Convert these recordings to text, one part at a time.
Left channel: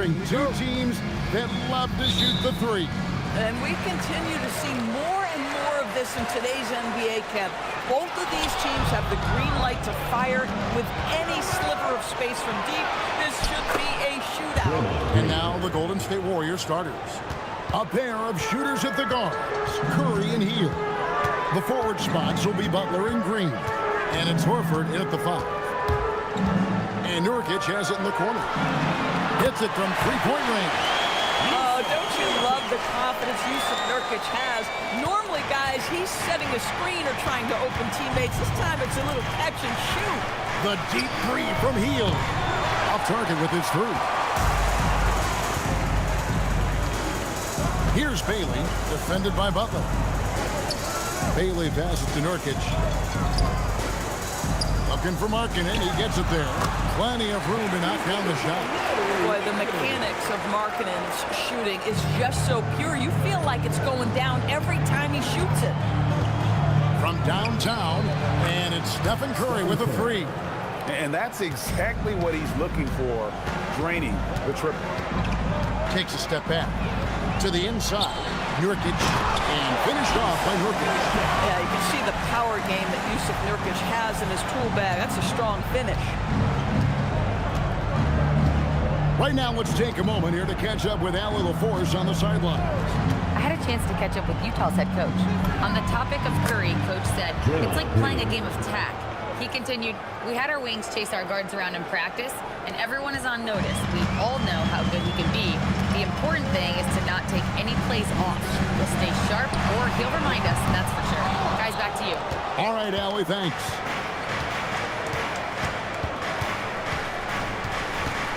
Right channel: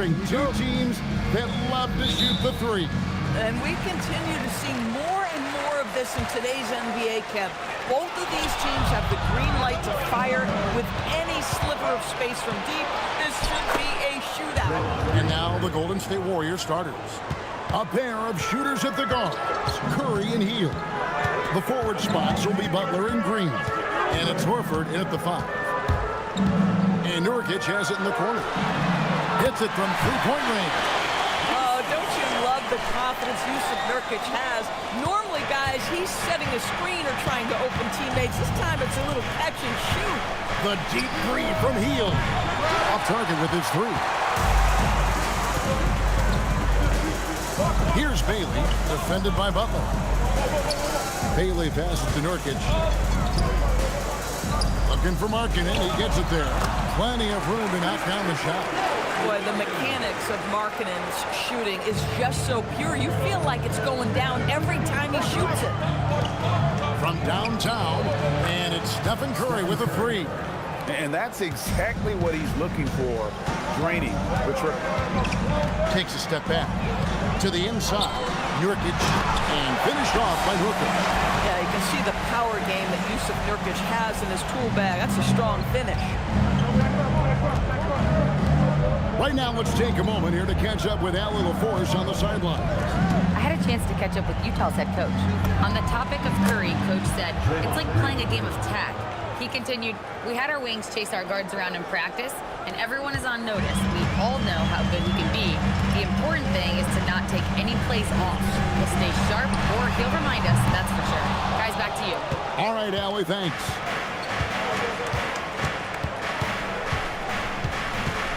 featuring two teams that love to shoot the three. And we continue to see more and more of this in today's NBA, Kev. Both of these teams have the green light to fire with any sliver of space from deep. This should be a shootout. And now the Golden State Warriors starters. A pair of shooters at the guards, Curry and Hield. The forward spots will be Butler and Green. And it's Horford in at the 5. And Nurkic has it in the corner. Hits it from three-point range. Oh, don't you love the confidence Jusuf Nurkic has? Normally, guys, he's setting a screen or trying to open teammates. This time it's a little catch and shoot. The deep three from Hield. Off target with his 3. Here's Bailey, defended by Butler. Bailey passes to Nurkic. Looking for Markkanen. He gets it there. Plenty of room to knock down the shot. Boy, the mechanics of Markkanen's shooting is just so pure. You feel like it's going down every time he shoots it. From downtown, and it's Stephen Curry with a 3. And that's exactly what he's looking for, draining the triple. Takes a step back. To the inside, Nurkic, and finished off by Nurkic. Yeah, you can see the power game that Jusuf Nurkic has in his tool bag. That's a strong finish. Right now, let's take a moment here to catch up with Allie LaForce on the sidelines. I had a chance to catch up with Utah's head coach. On the topic of Curry, Coach said, it's like playing a game of tag. He continued, we had our wings chase our guards around in practice, and everyone is on notice. We all know how good he can be. The important thing is to not take any plays off. We'll stay sharp, or he'll remind us, that's for sure. Guys, back to you. All right, Allie, thanks.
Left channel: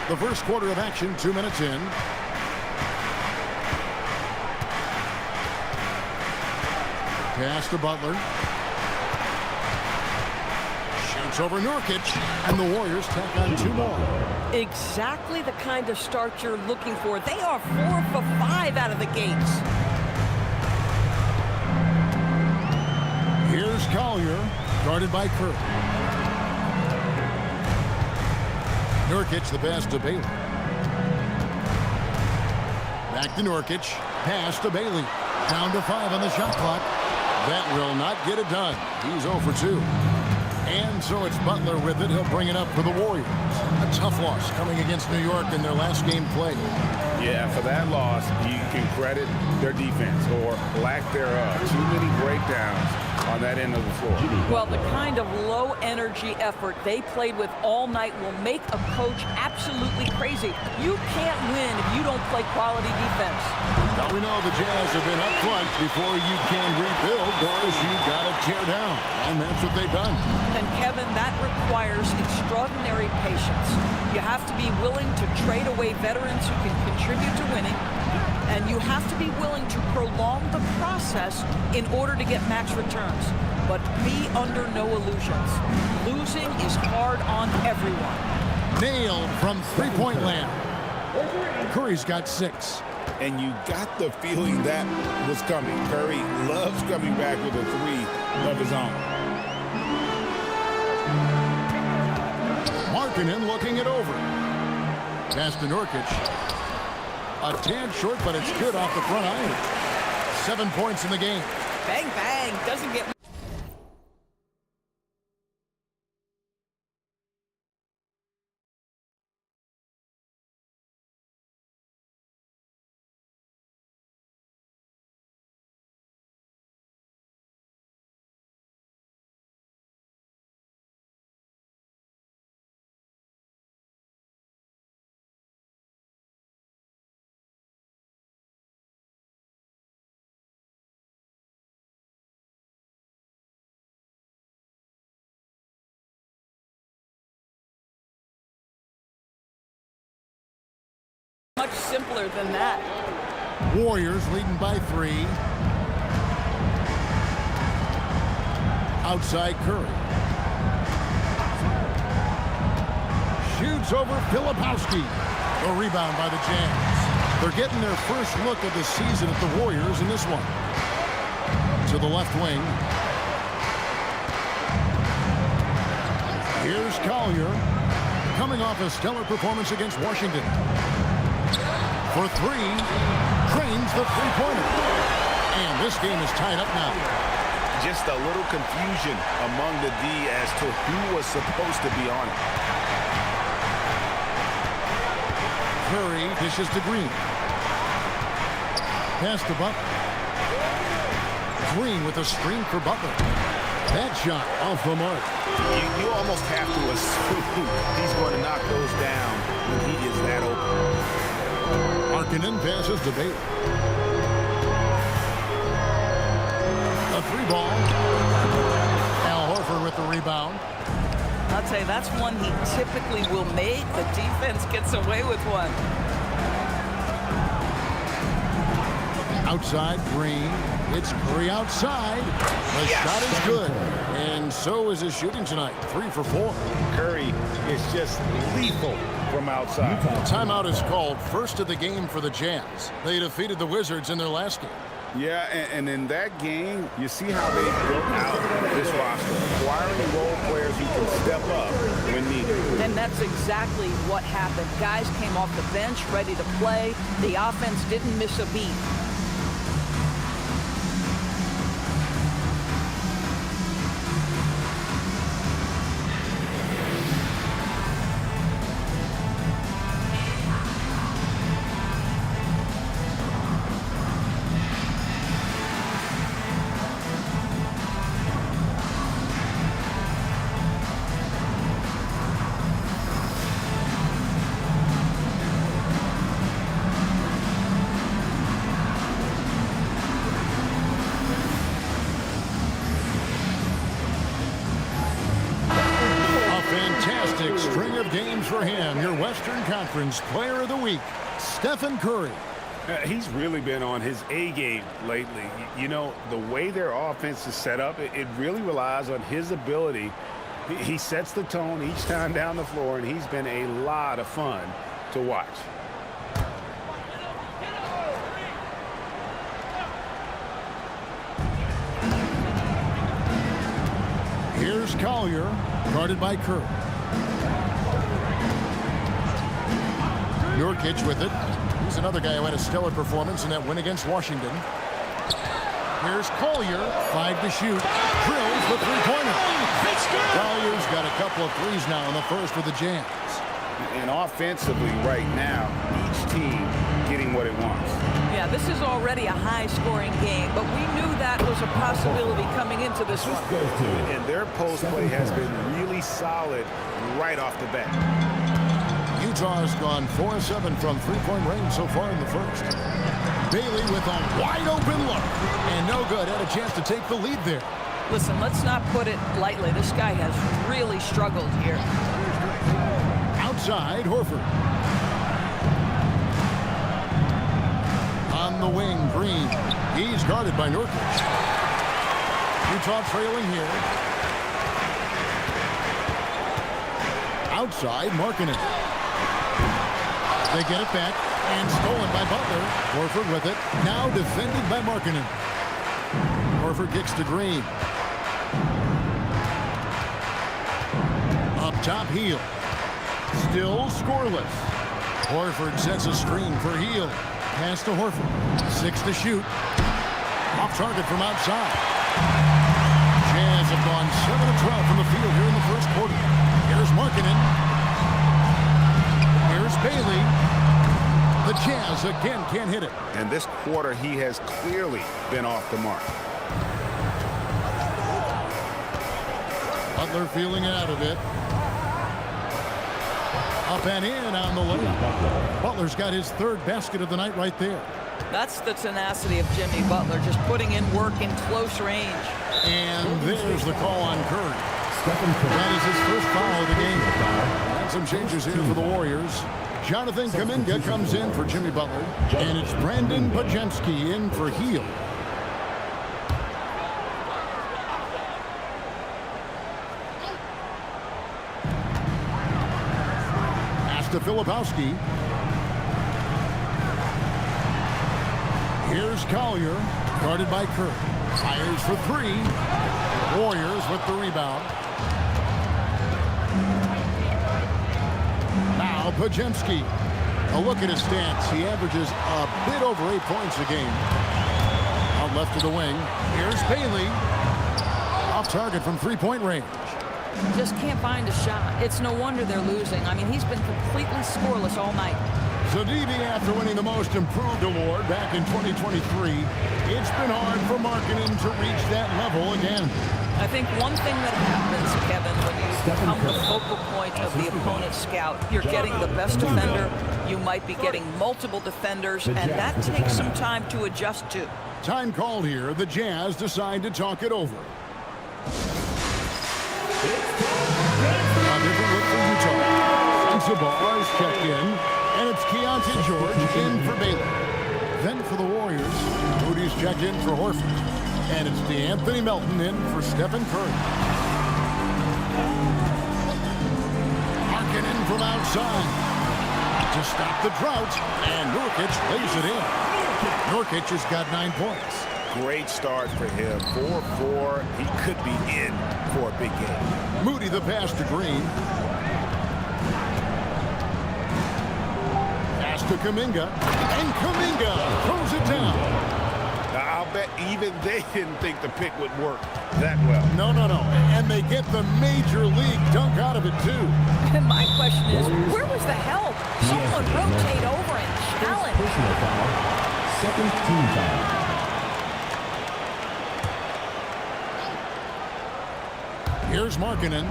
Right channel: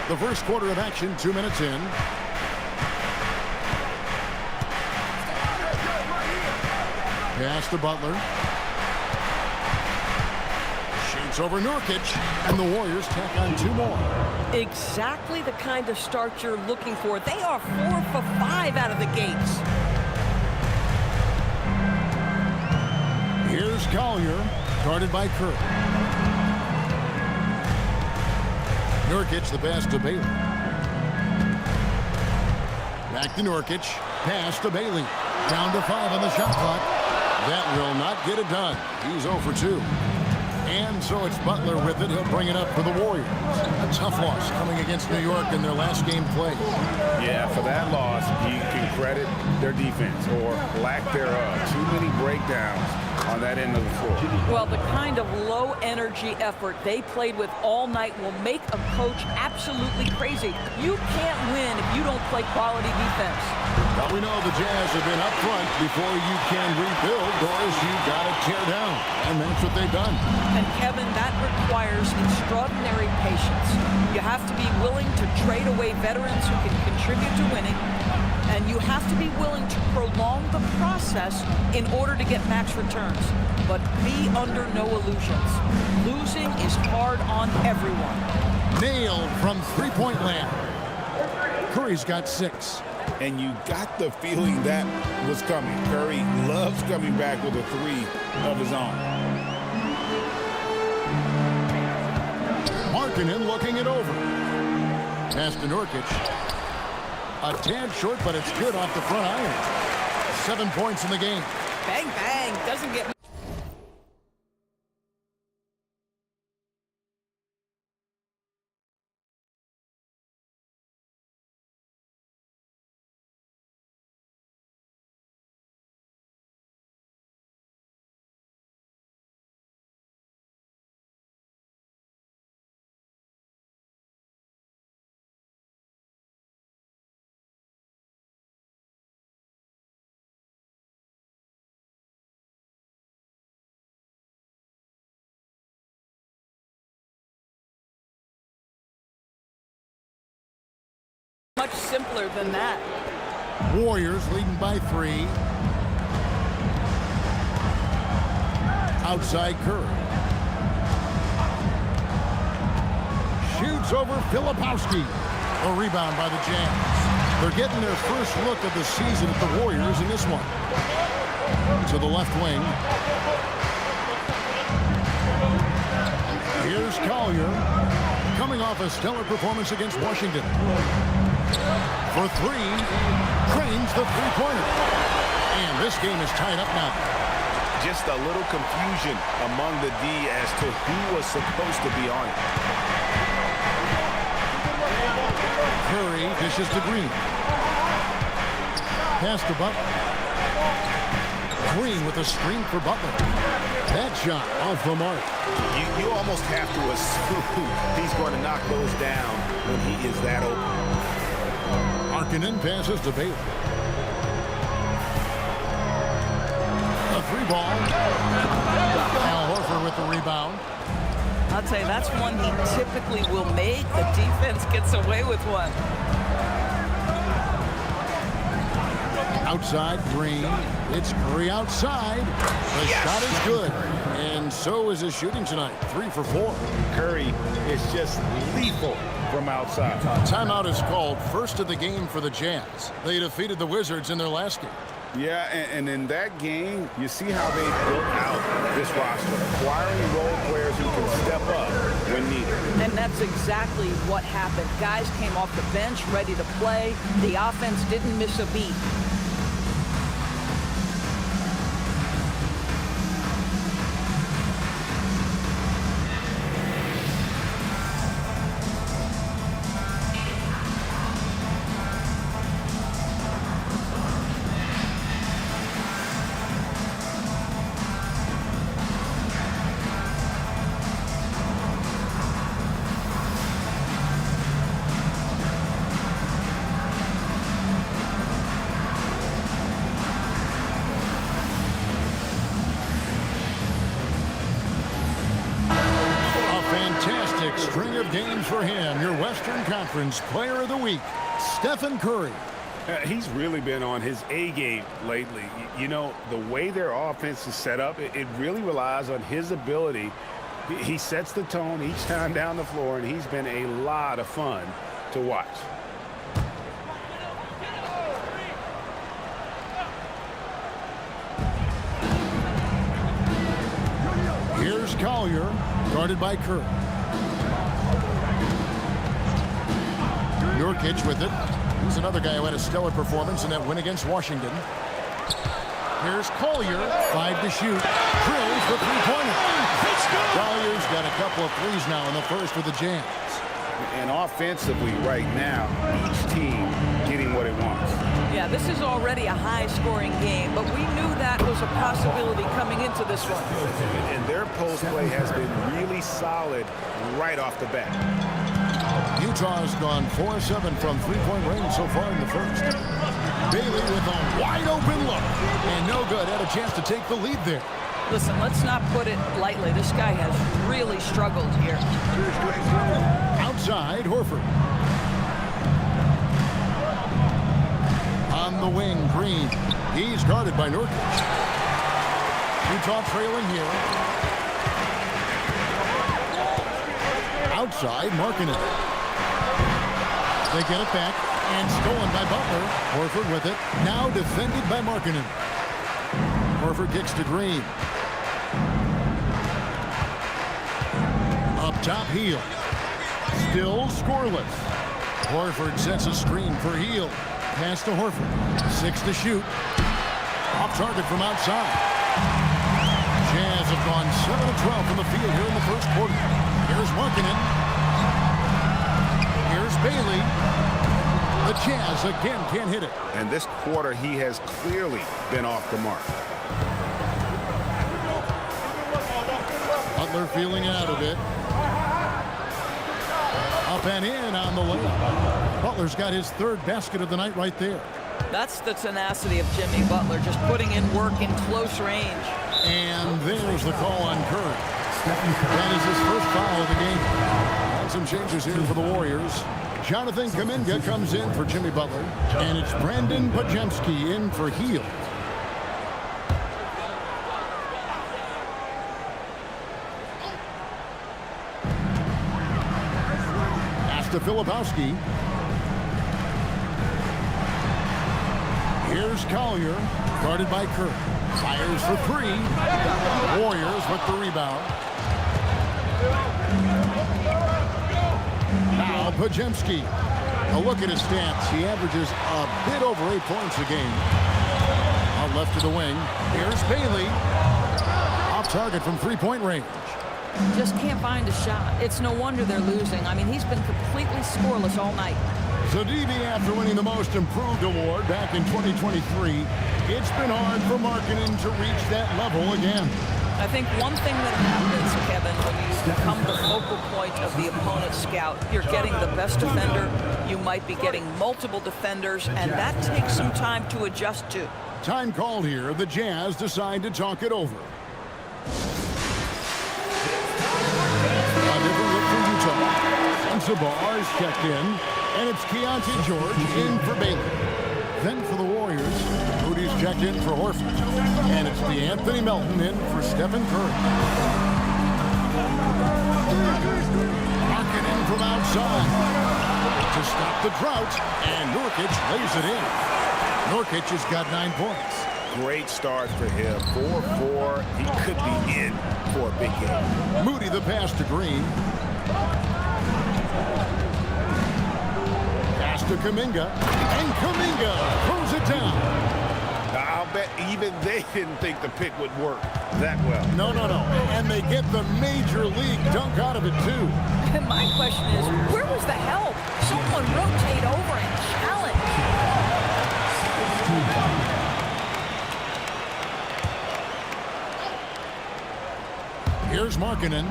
The first quarter of action, 2 minutes in. Pass to Butler. Shoots over Nurkic, and the Warriors tack on 2 more. Exactly the kind of start you're looking for. They are 4 for 5 out of the gates. Here's Collier, guarded by Curry. Nurkic, the pass to Bailey. Back to Nurkic. Pass to Bailey. Down to 5 on the shot clock. That will not get it done. He's 0 for 2. And so it's Butler with it. He'll bring it up for the Warriors. A tough loss coming against New York in their last game played. Yeah, for that loss, you can credit their defense or lack thereof. Too many breakdowns on that end of the floor. Well, the kind of low-energy effort they played with all night will make a coach absolutely crazy. You can't win if you don't play quality defense. Now we know the Jazz have been up front. Before you can rebuild, Doris, you've got to tear down. And that's what they've done. And Kevin, that requires extraordinary patience. You have to be willing to trade away veterans who can contribute to winning. And you have to be willing to prolong the process in order to get max returns. But be under no illusions. Losing is hard on everyone. Nailed from three-point land. Curry's got 6. And you got the feeling that was coming. Curry loves coming back with a 3 of his own. Markkanen looking it over. Pass to Nurkic. A tad short, but it's good off the front iron. 7 points in the game. Bang, bang. Doesn't get much simpler than that. Warriors leading by 3. Outside Curry. Shoots over Filipowski. A rebound by the Jazz. They're getting their first look of the season at the Warriors in this one. To the left wing. Here's Collier. Coming off a stellar performance against Washington. For three. Drains the three-pointer. And this game is tied up now. Just a little confusion among the D as to who was supposed to be on it. Curry dishes to Green. Pass to Butler. Green with a screen for Butler. That shot off the mark. You almost have to assume he's going to knock those down when he is that open. Markkanen passes to Bailey. A three ball. Al Horford with the rebound. I'll tell you, that's one he typically will make. The defense gets away with one. Outside, Green. It's Curry outside. The shot is good. And so is his shooting tonight. 3 for 4. Curry is just lethal from outside. Timeout is called. First of the game for the Jazz. They defeated the Wizards in their last game. Yeah, and in that game, you see how they built out this roster, acquiring role players who can step up when needed. And that's exactly what happened. Guys came off the bench ready to play. The offense didn't miss a beat. Fantastic string of games for him. Your Western Conference Player of the Week, Stephen Curry. He's really been on his A game lately. You know, the way their offense is set up, it really relies on his ability. He sets the tone each time down the floor, and he's been a lot of fun to watch. Here's Collier, guarded by Curry. Nurkic with it. He's another guy who had a stellar performance in that win against Washington. Here's Collier, 5 to shoot. Drills the three-pointer. Collier's got a couple of threes now in the first for the Jazz. And offensively right now, each team getting what it wants. Yeah, this is already a high-scoring game, but we knew that was a possibility coming into this one. And their post play has been really solid right off the bat. Utah's gone 4-7 from three-point range so far in the first. Bailey with a wide-open look. And no good. Had a chance to take the lead there. Listen, let's not put it lightly. This guy has really struggled here. Outside, Horford. On the wing, Green. He's guarded by Nurkic. Utah trailing here. Outside, Markkanen. They get it back, and stolen by Butler. Horford with it. Now defended by Markkanen. Horford kicks to Green. Up top, Hield. Still scoreless. Horford sets a screen for Hield. Pass to Horford. 6 to shoot. Off target from outside. Jazz have gone 7 of 12 from the field here in the first quarter. Here's Markkanen. Here's Bailey. The Jazz again can't hit it. And this quarter, he has clearly been off the mark. Butler feeling it out a bit. Up and in on the layup. Butler's got his third basket of the night right there. That's the tenacity of Jimmy Butler, just putting in work in close range. And there's the call on Curry. That is his first foul of the game. And some changes here for the Warriors. Jonathan Kuminga comes in for Jimmy Butler. And it's Brandon Podziemski in for Hield. To Filipowski. Here's Collier, guarded by Curry. Fires for 3. Warriors with the rebound. Now Podziemski. A look at his stats. He averages a bit over 8 points a game. Out left to the wing. Here's Bailey. Off target from three-point range. Just can't find a shot. It's no wonder they're losing. I mean, he's been completely scoreless all night. So, DB, after winning the Most Improved award back in 2023, it's been hard for Markkanen to reach that level again. I think one thing that happens, Kevin, when you become the focal point of the opponent's scout, you're getting the best defender. You might be getting multiple defenders, and that takes some time to adjust to. Time called here. The Jazz decide to talk it over. A different look for Utah. Sensabaugh is checked in, and it's Keontae George in for Bailey. Then for the Warriors, Moody's checked in for Horford, and it's DeAnthony Melton in for Stephen Curry. Markkanen from outside to stop the drought, and Nurkic lays it in. Nurkic has got 9 points. Great start for him. 4-4. He could be in for a big game. Moody the pass to Green. Pass to Kuminga. And Kuminga throws it down. Now, I'll bet even they didn't think the pick would work that well. No. And they get the major league dunk out of it, too. And my question is, where was the help? Someone rotate over and challenge. Second team foul. Here's Markkanen.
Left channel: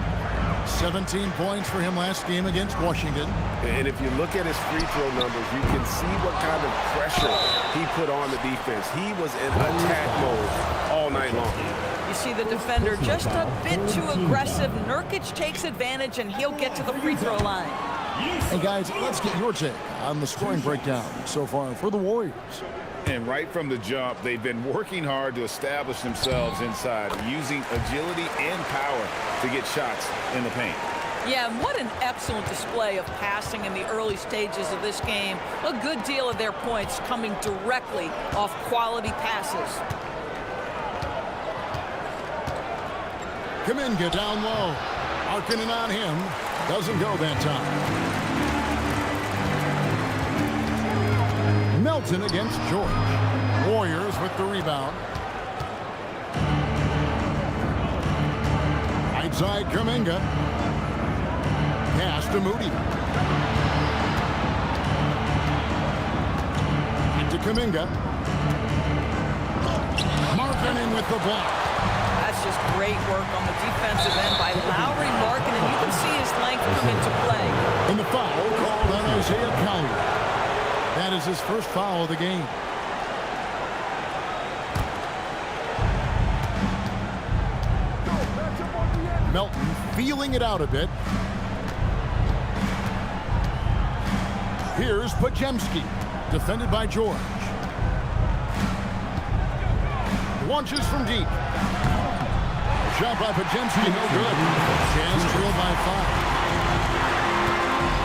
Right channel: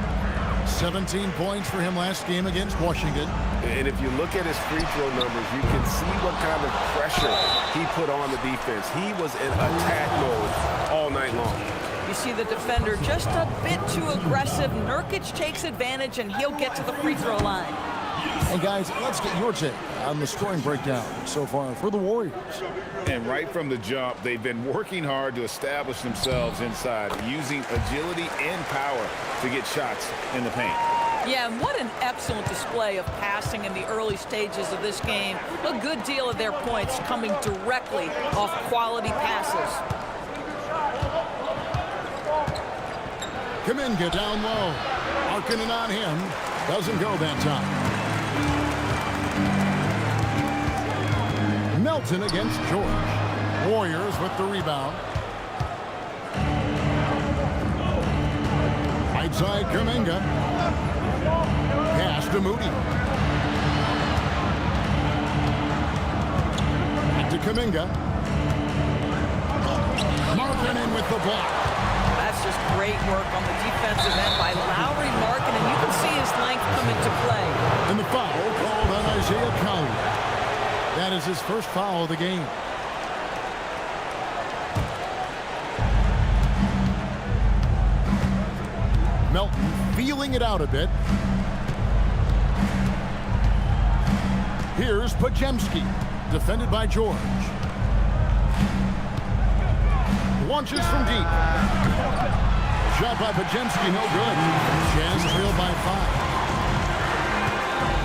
17 points for him last game against Washington. And if you look at his free throw numbers, you can see what kind of pressure he put on the defense. He was in attack mode all night long. You see the defender just a bit too aggressive. Nurkic takes advantage, and he'll get to the free throw line. And guys, let's get your take on the scoring breakdown so far for the Warriors. And right from the jump, they've been working hard to establish themselves inside, using agility and power to get shots in the paint. Yeah, and what an excellent display of passing in the early stages of this game. A good deal of their points coming directly off quality passes. Kuminga down low. Markkanen on him. Doesn't go that time. Melton against George. Warriors with the rebound. Right side, Kuminga. Pass to Moody. Back to Kuminga. Markkanen with the block. That's just great work on the defensive end by Lauri Markkanen. You can see his length come into play. And the foul called on Isaiah Collier. That is his first foul of the game. Melton feeling it out a bit. Here's Podziemski, defended by George. Launches from deep. Shot by Podziemski, no good. Jazz trail by 5.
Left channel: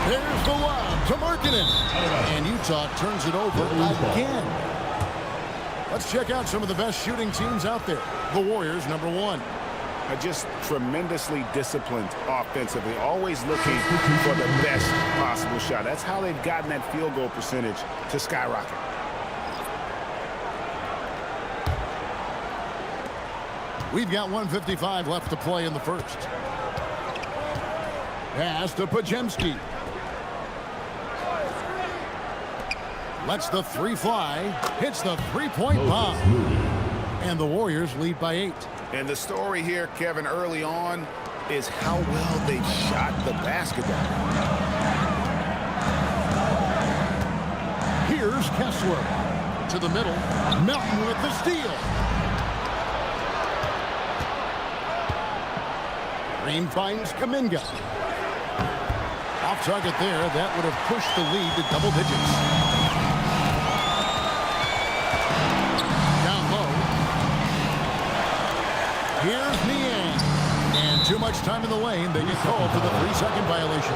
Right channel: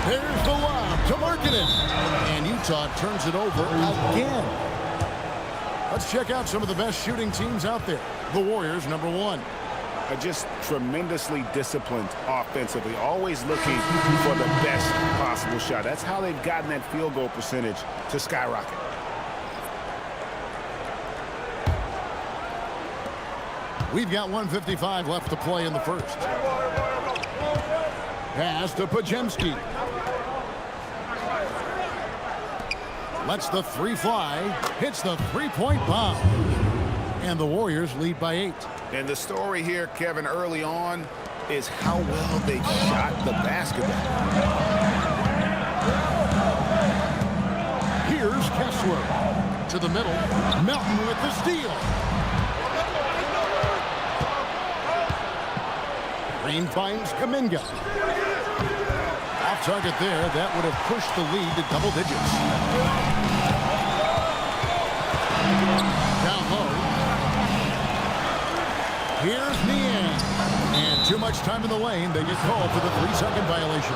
There's the lob to Markkanen. And Utah turns it over again. Let's check out some of the best shooting teams out there. The Warriors, number 1. Just tremendously disciplined offensively, always looking for the best possible shot. That's how they've gotten that field goal percentage to skyrocket. We've got 1:55 left to play in the first. Pass to Podziemski. Lets the three fly. Hits the three-point bomb. And the Warriors lead by 8. And the story here, Kevin, early on is how well they shot the basketball. Here's Kessler. To the middle. Melton with the steal. Green finds Kuminga. Off target there. That would have pushed the lead to double digits. Down low. Here's Niang. And too much time in the lane. They get called for the 3-second violation.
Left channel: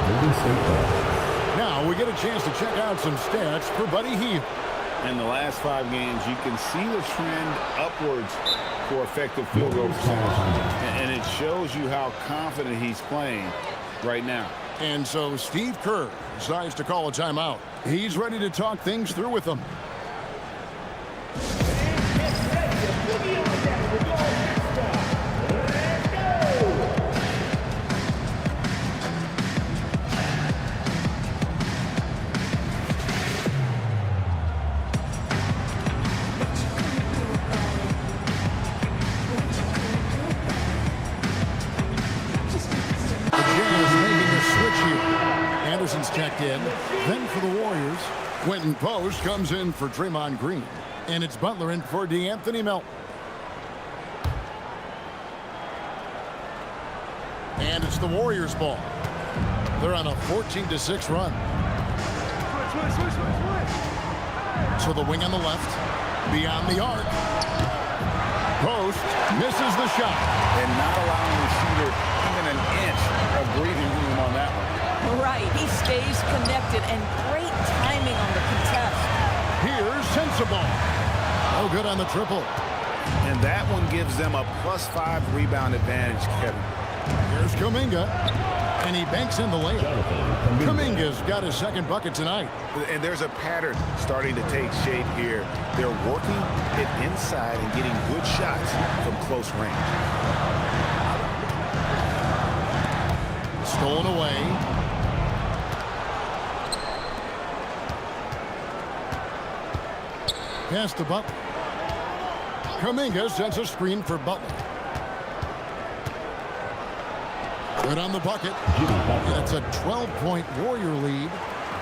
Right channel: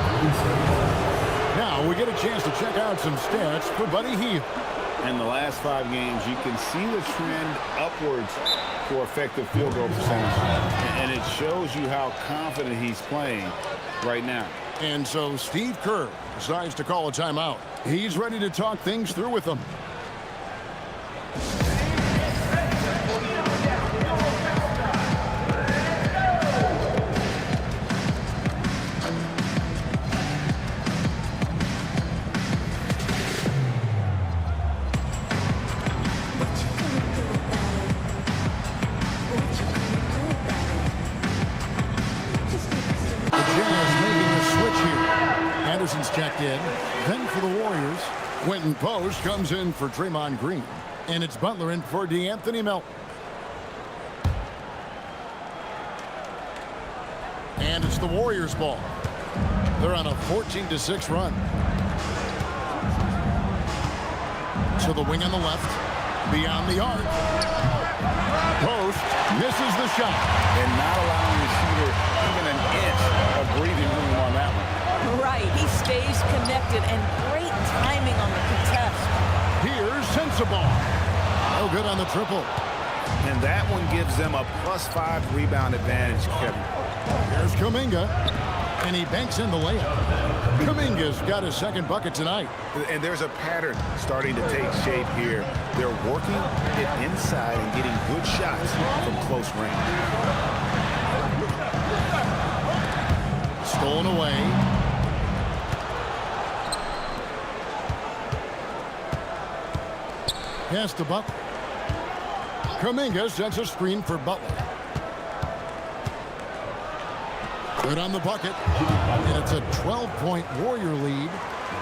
Now we get a chance to check out some stats for Buddy Hield. In the last 5 games, you can see the trend upwards for effective field goal percentage. And it shows you how confident he's playing right now. And so Steve Kerr decides to call a timeout. He's ready to talk things through with them. Here. Anderson's checked in. Then for the Warriors, Quentin Post comes in for Draymond Green. And it's Butler in for DeAnthony Melton. And it's the Warriors' ball. They're on a 14-6 run. So the wing on the left, beyond the arc. Post misses the shot. And not allowing the shooter even an inch of breathing room on that one. Right, he stays connected, and great timing on the contest. Here's Sensabaugh. No good on the triple. And that one gives them a +5 rebound advantage, Kevin. Here's Kuminga, and he banks in the layup. Kuminga's got his second bucket tonight. And there's a pattern starting to take shape here. They're working it inside and getting good shots from close range. Stolen away. Pass to Butler. Kuminga sets a screen for Butler. Good on the bucket. And it's a 12-point Warrior lead.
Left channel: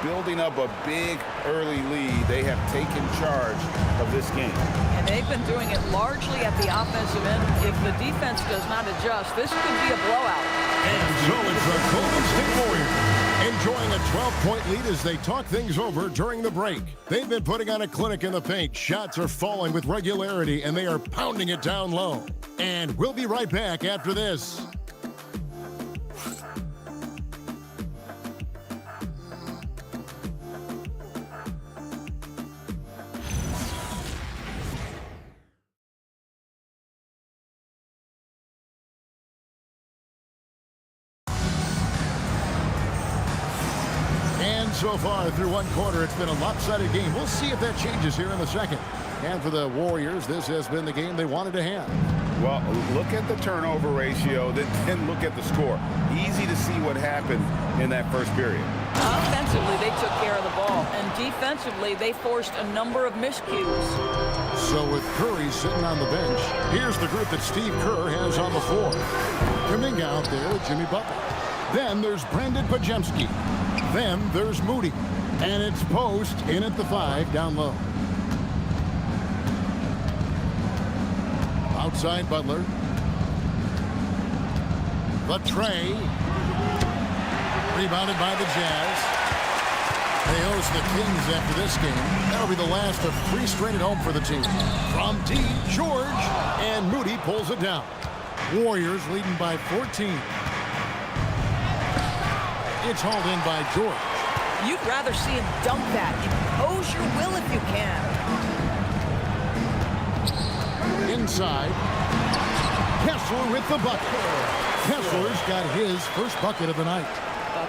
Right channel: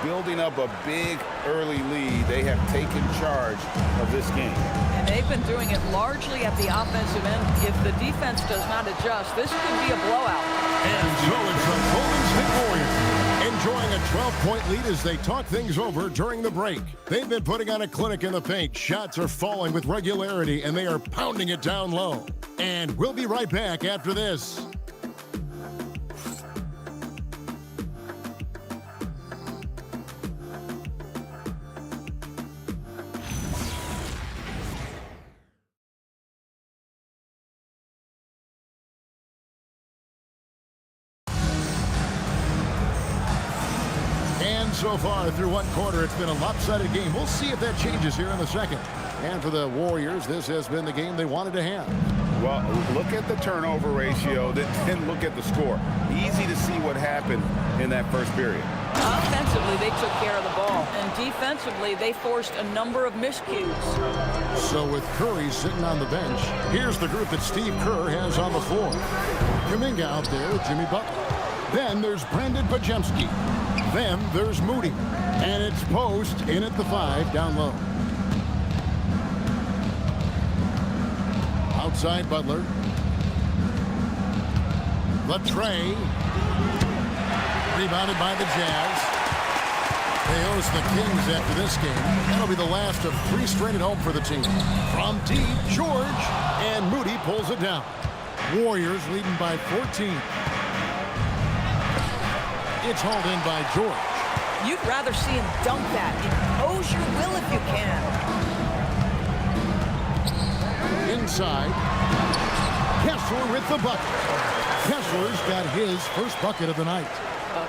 Building up a big early lead. They have taken charge of this game. And they've been doing it largely at the offensive end. If the defense does not adjust, this could be a blowout. And so it's the Golden State Warriors enjoying a 12-point lead as they talk things over during the break. They've been putting on a clinic in the paint. Shots are falling with regularity, and they are pounding it down low. And we'll be right back after this. And so far through one quarter, it's been a lopsided game. We'll see if that changes here in the second. And for the Warriors, this has been the game they wanted to have. Well, look at the turnover ratio, then look at the score. Easy to see what happened in that first period. Offensively, they took care of the ball. And defensively, they forced a number of miscues. So with Curry sitting on the bench, here's the group that Steve Kerr has on the floor. Kuminga out there with Jimmy Butler. Then there's Brandon Pajemski. Then there's Moody. And it's Post in at the 5 down low. Outside Butler. The tray. Rebounded by the Jazz. They host the Kings after this game. That'll be the last of 3 straight at home for the team. From deep, George. And Moody pulls it down. Warriors leading by 14. It's hauled in by George. You'd rather see him dunk that. Impose your will if you can. Inside. Kessler with the bucket. Kessler's got his first bucket of the night.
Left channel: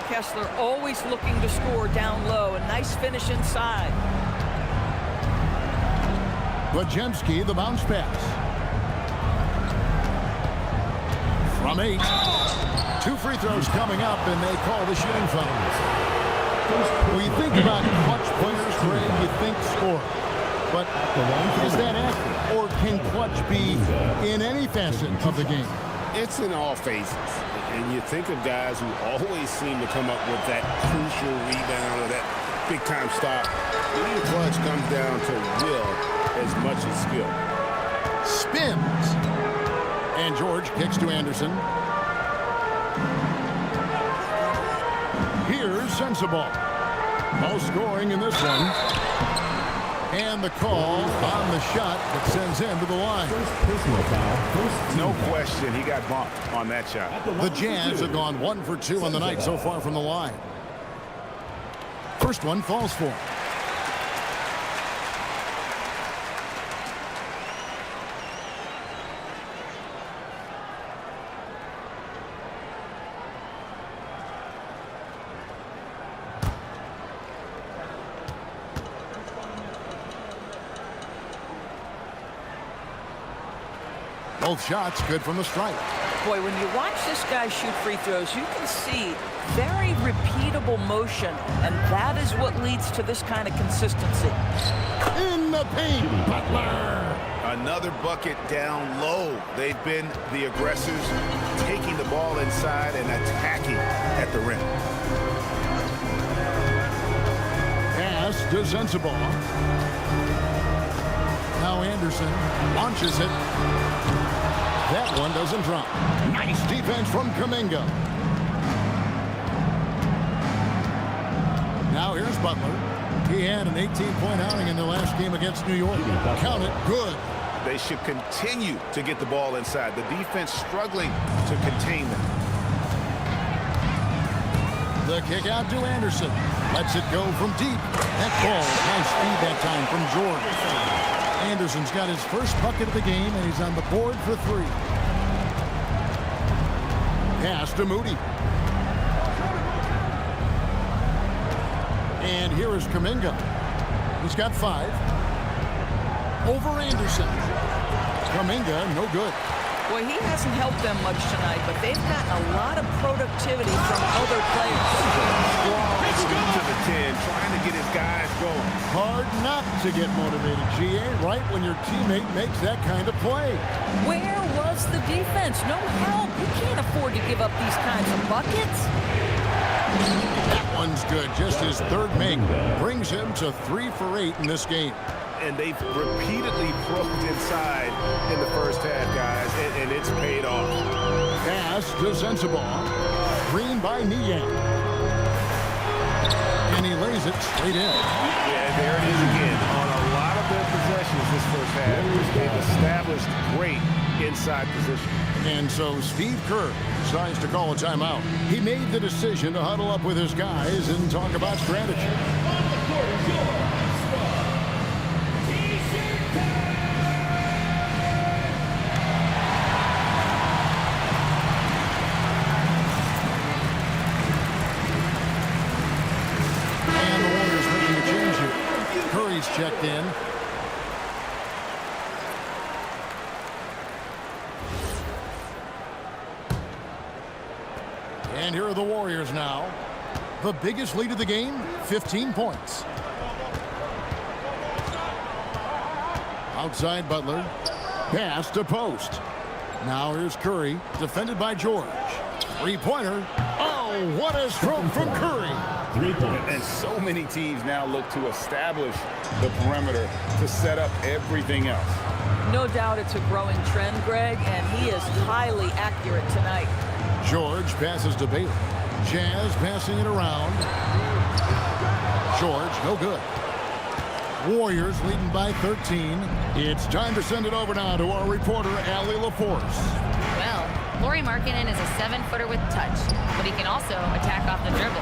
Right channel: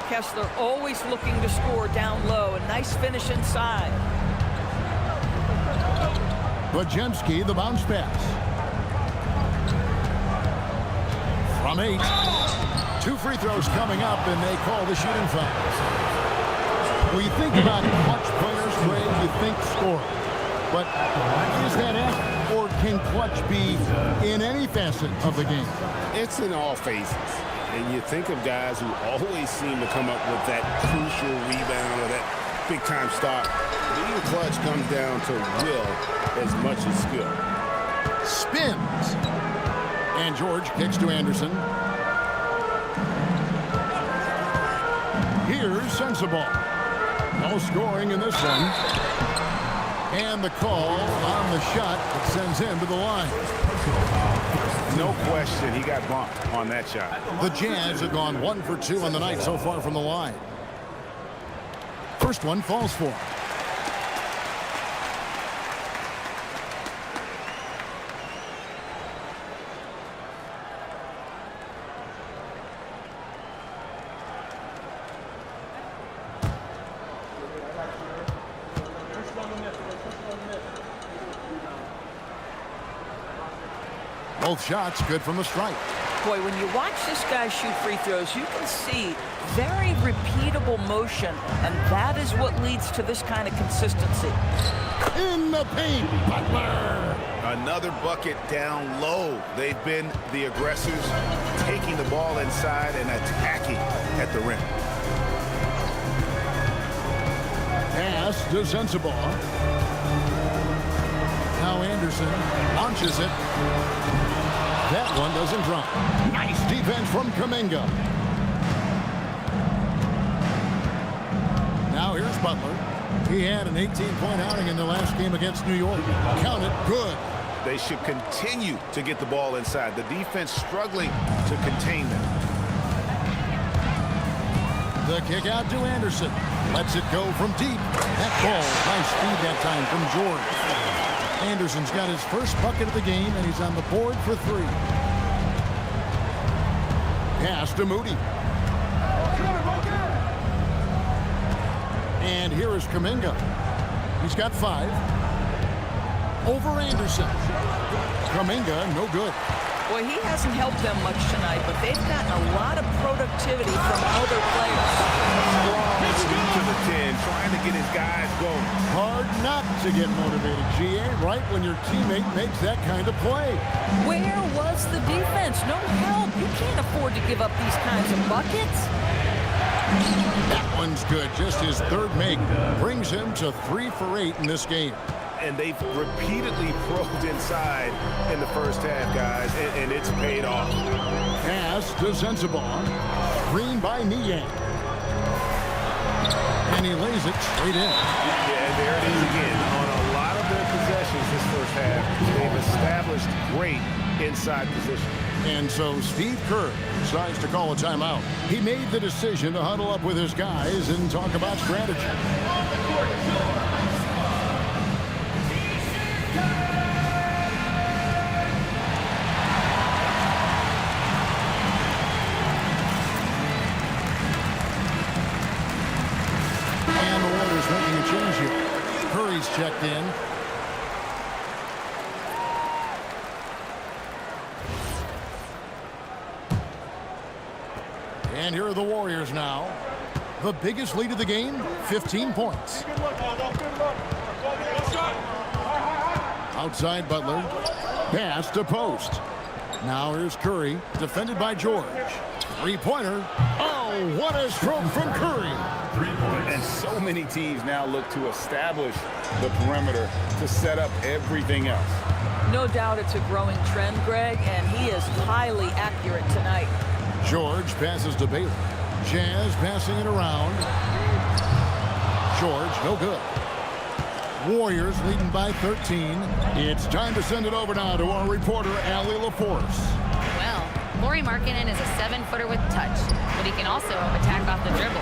Kessler always looking to score down low. A nice finish inside. Pajemski, the bounce pass. From 8. 2 free throws coming up, and they call the shooting foul. When you think about clutch players, Greg, you think score. But is that accurate, or can clutch be in any facet of the game? It's in all phases. And you think of guys who always seem to come up with that crucial rebound or that big-time stop. Being clutch comes down to will as much as skill. Spins. And George kicks to Anderson. Here's Sensabaugh. No scoring in this one. And the call on the shot that sends him to the line. No question, he got bumped on that shot. The Jazz have gone 1 for 2 on the night so far from the line. First one falls for him. Both shots good from the stripe. Boy, when you watch this guy shoot free throws, you can see very repeatable motion, and that is what leads to this kind of consistency. In the paint, Butler. Another bucket down low. They've been the aggressors, taking the ball inside and attacking at the rim. Pass to Sensabaugh. Now Anderson launches it. That one doesn't drop. Nice defense from Kuminga. Now here's Butler. He had an 18-point outing in the last game against New York. Count it, good. They should continue to get the ball inside. The defense struggling to contain them. The kick out to Anderson. Lets it go from deep. That ball, nice feed that time from George. Anderson's got his first bucket of the game, and he's on the board for 3. Pass to Moody. And here is Kuminga. He's got 5. Over Anderson. Kuminga, no good. Boy, he hasn't helped them much tonight, but they've gotten a lot of productivity from other players. Strong to the 10, trying to get his guys going. Hard not to get motivated, GA, right when your teammate makes that kind of play. Where was the defense? No help. You can't afford to give up these kinds of buckets. That one's good. Just his 3rd make brings him to 3 for 8 in this game. And they've repeatedly probed inside in the first half, guys, and it's paid off. Pass to Sensabaugh. Screen by Niang. And he lays it straight in. Yeah, there it is again. On a lot of their possessions this first half, they've established great inside position. And so Steve Kerr decides to call a timeout. He made the decision to huddle up with his guys and talk about strategy. And the Warriors making a change here. Curry's checked in. And here are the Warriors now. The biggest lead of the game, 15 points. Outside Butler. Pass to Post. Now here's Curry, defended by George. 3-pointer. Oh, what a stroke from Curry. 3 points. And so many teams now look to establish the perimeter to set up everything else. No doubt it's a growing trend, Greg, and he is highly accurate tonight. George passes to Bailey. Jazz passing it around. George, no good. Warriors leading by 13. It's time to send it over now to our reporter, Allie LaForce. Well, Lauri Markkanen is a 7-footer with touch, but he can also attack off the dribble.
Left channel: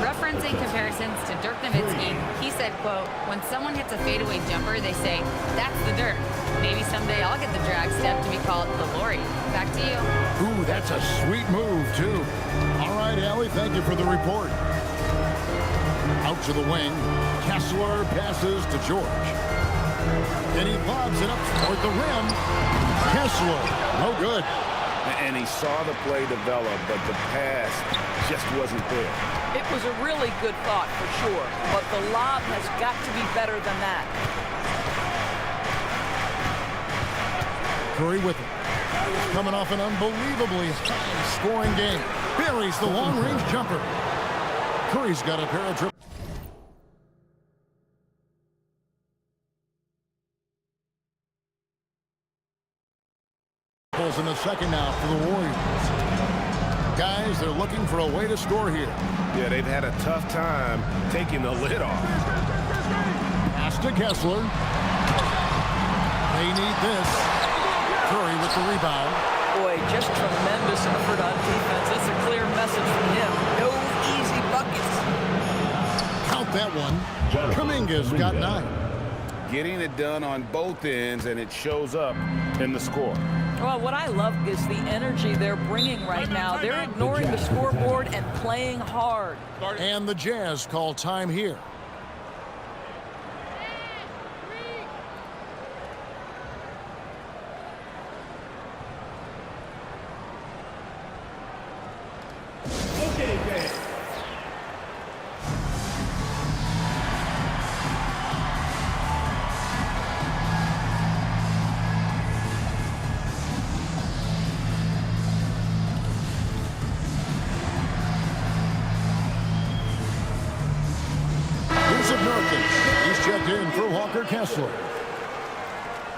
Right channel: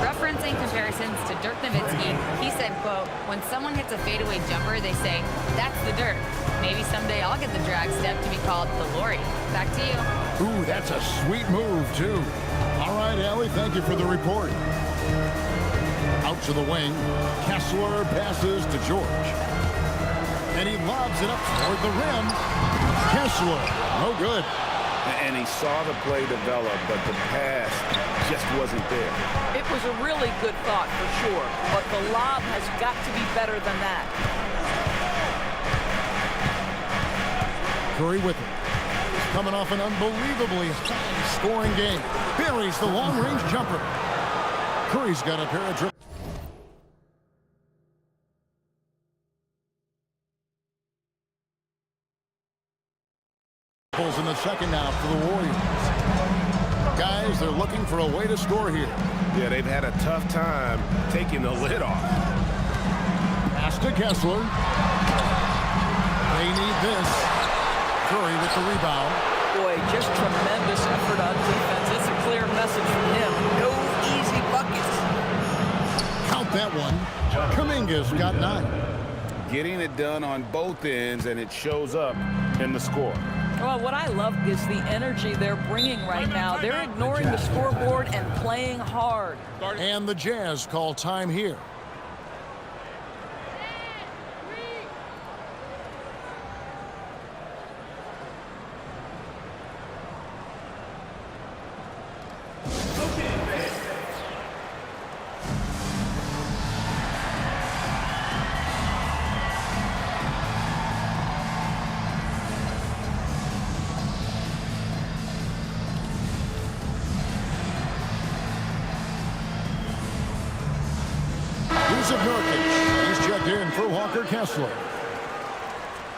Referencing comparisons to Dirk Nowitzki, he said, quote, "When someone hits a fadeaway jumper, they say, that's the Dirk. Maybe someday I'll get the drag step to be called the Lauri." Back to you. Ooh, that's a sweet move, too. All right, Allie, thank you for the report. Out to the wing. Kessler passes to George. And he lobs it up toward the rim. Kessler, no good. And he saw the play develop, but the pass just wasn't there. It was a really good thought for sure, but the lob has got to be better than that. Curry with it. He's coming off an unbelievably high-scoring game. Buries the long-range jumper. Curry's got a pair of dribbles in the second now for the Warriors. Guys, they're looking for a way to score here. Yeah, they've had a tough time taking the lid off. Pass to Kessler. They need this. Curry with the rebound. Boy, just tremendous effort on defense. It's a clear message from him. No easy buckets. Count that one. Kuminga's got 9. Getting it done on both ends, and it shows up in the score. Well, what I love is the energy they're bringing right now. They're ignoring the scoreboard and playing hard. And the Jazz call time here. Yusuf Nurkic. He's checked in for Walker Kessler.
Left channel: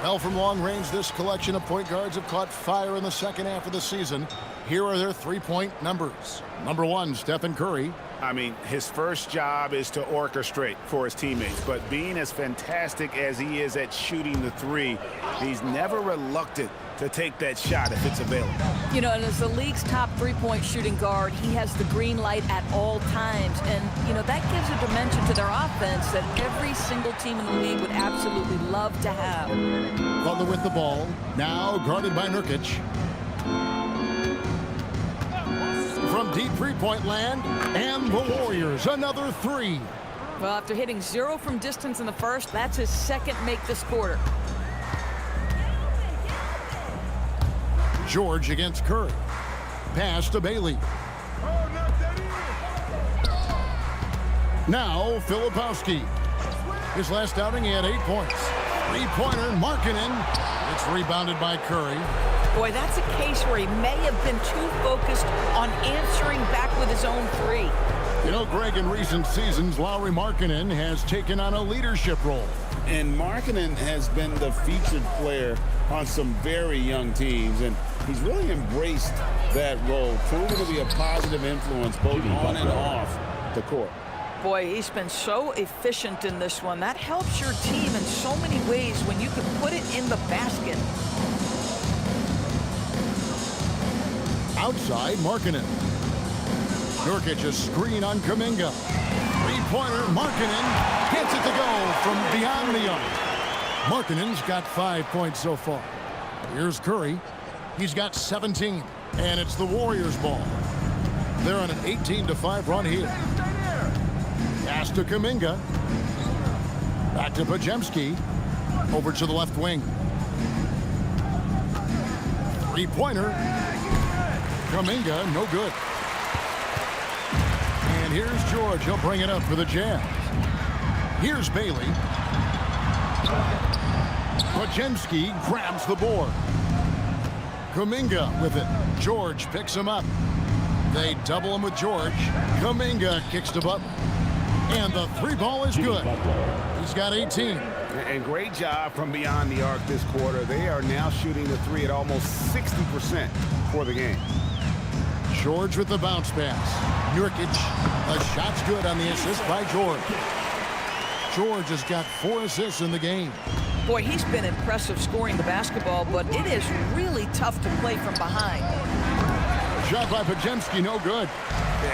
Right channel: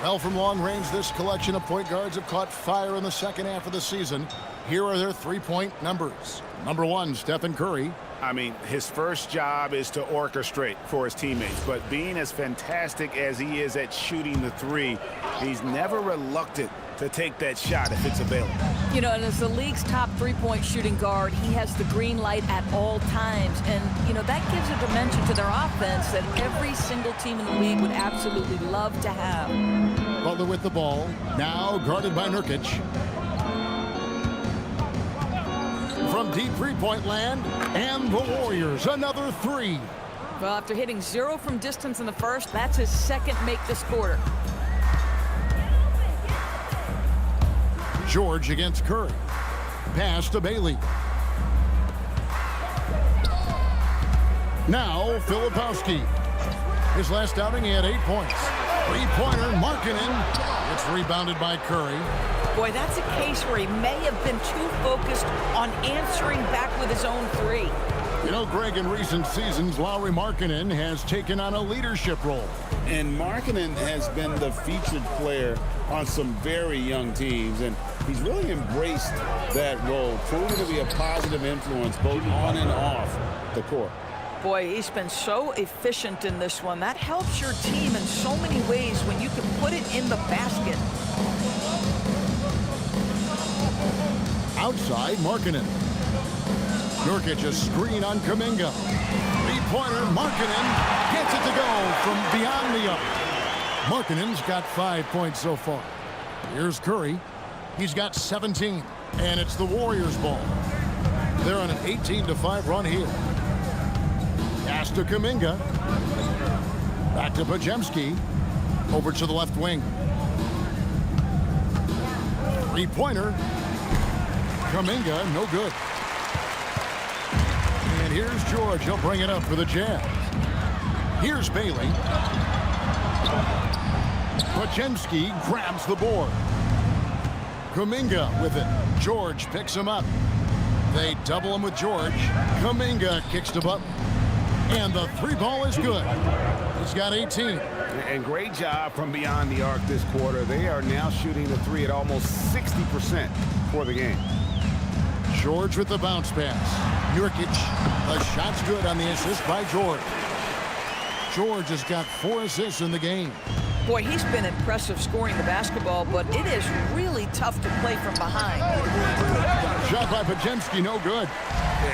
Well, from long range, this collection of point guards have caught fire in the second half of the season. Here are their three-point numbers. Number 1, Stephen Curry. I mean, his first job is to orchestrate for his teammates, but being as fantastic as he is at shooting the three, he's never reluctant to take that shot if it's available. You know, and as the league's top three-point shooting guard, he has the green light at all times. And, you know, that gives a dimension to their offense that every single team in the league would absolutely love to have. Butler with the ball, now guarded by Nurkic. From deep three-point land, and the Warriors, another three. Well, after hitting 0 from distance in the first, that's his second make this quarter. George against Curry. Pass to Bailey. Now, Filipowski. His last outing, he had 8 points. Three-pointer, Markkanen. It's rebounded by Curry. Boy, that's a case where he may have been too focused on answering back with his own three. You know, Greg, in recent seasons, Lauri Markkanen has taken on a leadership role. And Markkanen has been the featured player on some very young teams, and he's really embraced that role, proving to be a positive influence both on and off the court. Boy, he's been so efficient in this one. That helps your team in so many ways when you can put it in the basket. Outside, Markkanen. Nurkic, a screen on Kuminga. Three-pointer, Markkanen gets it to go from beyond the arc. Markkanen's got 5 points so far. Here's Curry. He's got 17, and it's the Warriors' ball. They're on an 18-5 run here. Pass to Kuminga. Back to Podziemski. Over to the left wing. Three-pointer. Kuminga, no good. And here's George. He'll bring it up for the Jazz. Here's Bailey. Podziemski grabs the board. Kuminga with it. George picks him up. They double him with George. Kuminga kicks to Butler. And the three ball is good. He's got 18. And great job from beyond the arc this quarter. They are now shooting the three at almost 60% for the game. George with the bounce pass. Nurkic, the shot's good on the assist by George. George has got 4 assists in the game. Boy, he's been impressive scoring the basketball, but it is really tough to play from behind. Shot by Podziemski, no good.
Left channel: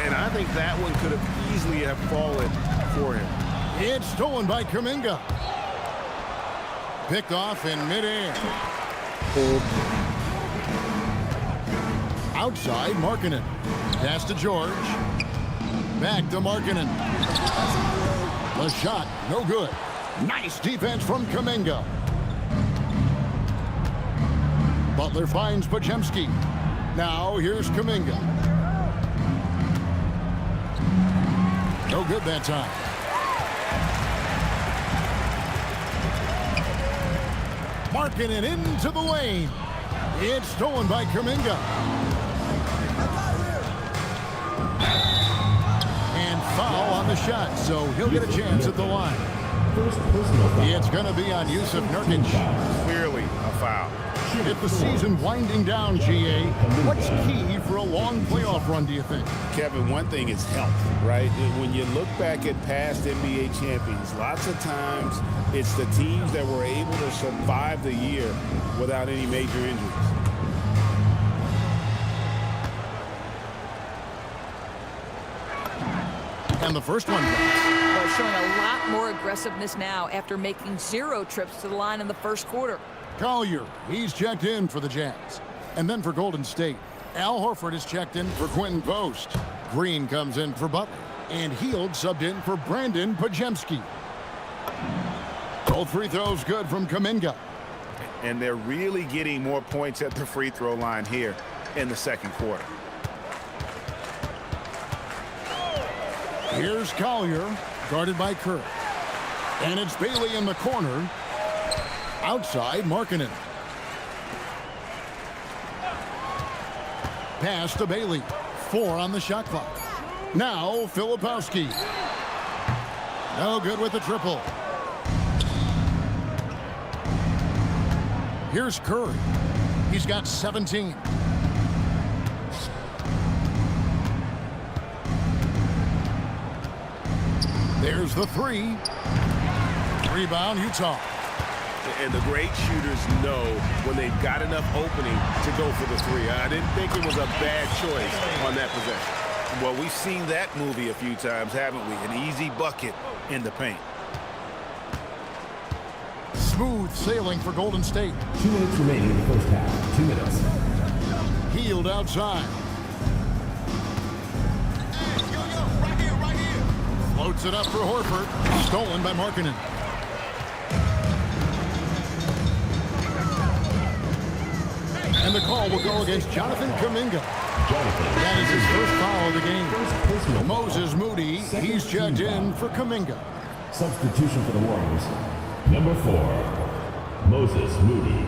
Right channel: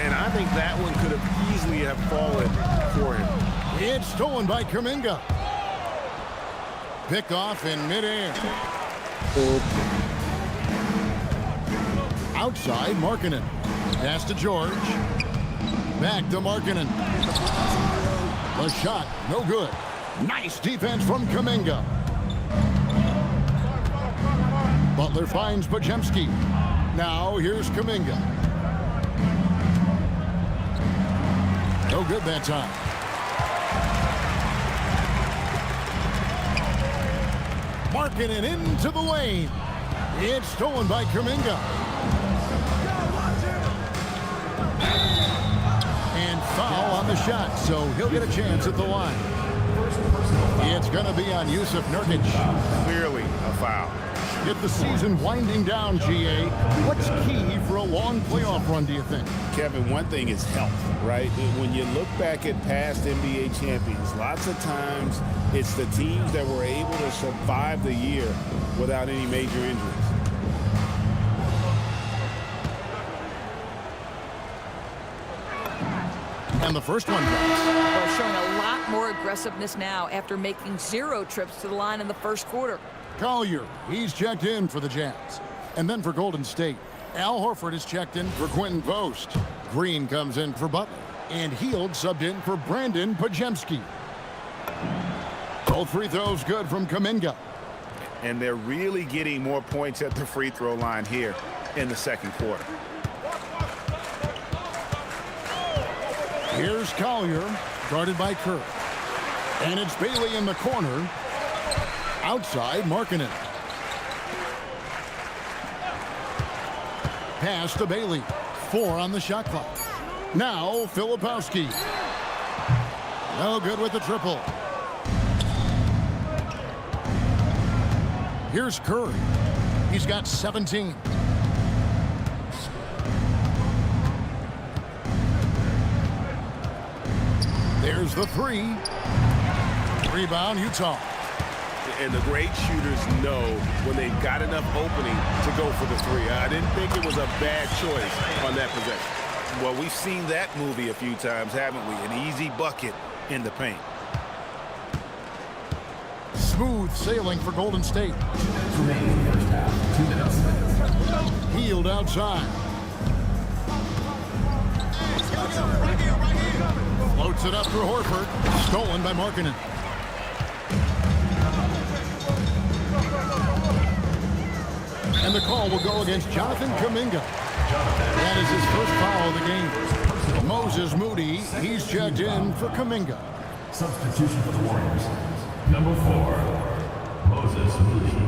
And I think that one could have easily have fallen for him. It's stolen by Kuminga. Picked off in midair. Outside, Markkanen. Pass to George. Back to Markkanen. The shot, no good. Nice defense from Kuminga. Butler finds Podziemski. Now here's Kuminga. No good that time. Markkanen into the lane. It's stolen by Kuminga. And foul on the shot, so he'll get a chance at the line. It's going to be on Yusuf Nurkic. Clearly a foul. With the season winding down, GA, what's key for a long playoff run, do you think? Kevin, one thing is health, right? When you look back at past NBA champions, lots of times it's the teams that were able to survive the year without any major injuries. And the first one drops. Well, showing a lot more aggressiveness now after making 0 trips to the line in the first quarter. Collier, he's checked in for the Jazz. And then for Golden State, Al Horford is checked in for Quentin Post. Green comes in for Butler. And Hield subbed in for Brandon Podziemski. Both free throws good from Kuminga. And they're really getting more points at the free throw line here in the second quarter. Here's Collier, guarded by Kerr. And it's Bailey in the corner. Outside, Markkanen. Pass to Bailey. 4 on the shot clock. Now, Filipowski. No good with the triple. Here's Curry. He's got 17. There's the three. Rebound, Utah. And the great shooters know when they've got enough opening to go for the three. I didn't think it was a bad choice on that possession. Well, we've seen that movie a few times, haven't we? An easy bucket in the paint. Smooth sailing for Golden State. 2 minutes remaining in the first half. 2 minutes. Healed outside. Floats it up for Horford. Stolen by Markkanen. And the call will go against Jonathan Kuminga. That is his first foul of the game. Moses Moody, he's checked in for Kuminga. Substitution for the Warriors. Number 4, Moses Moody.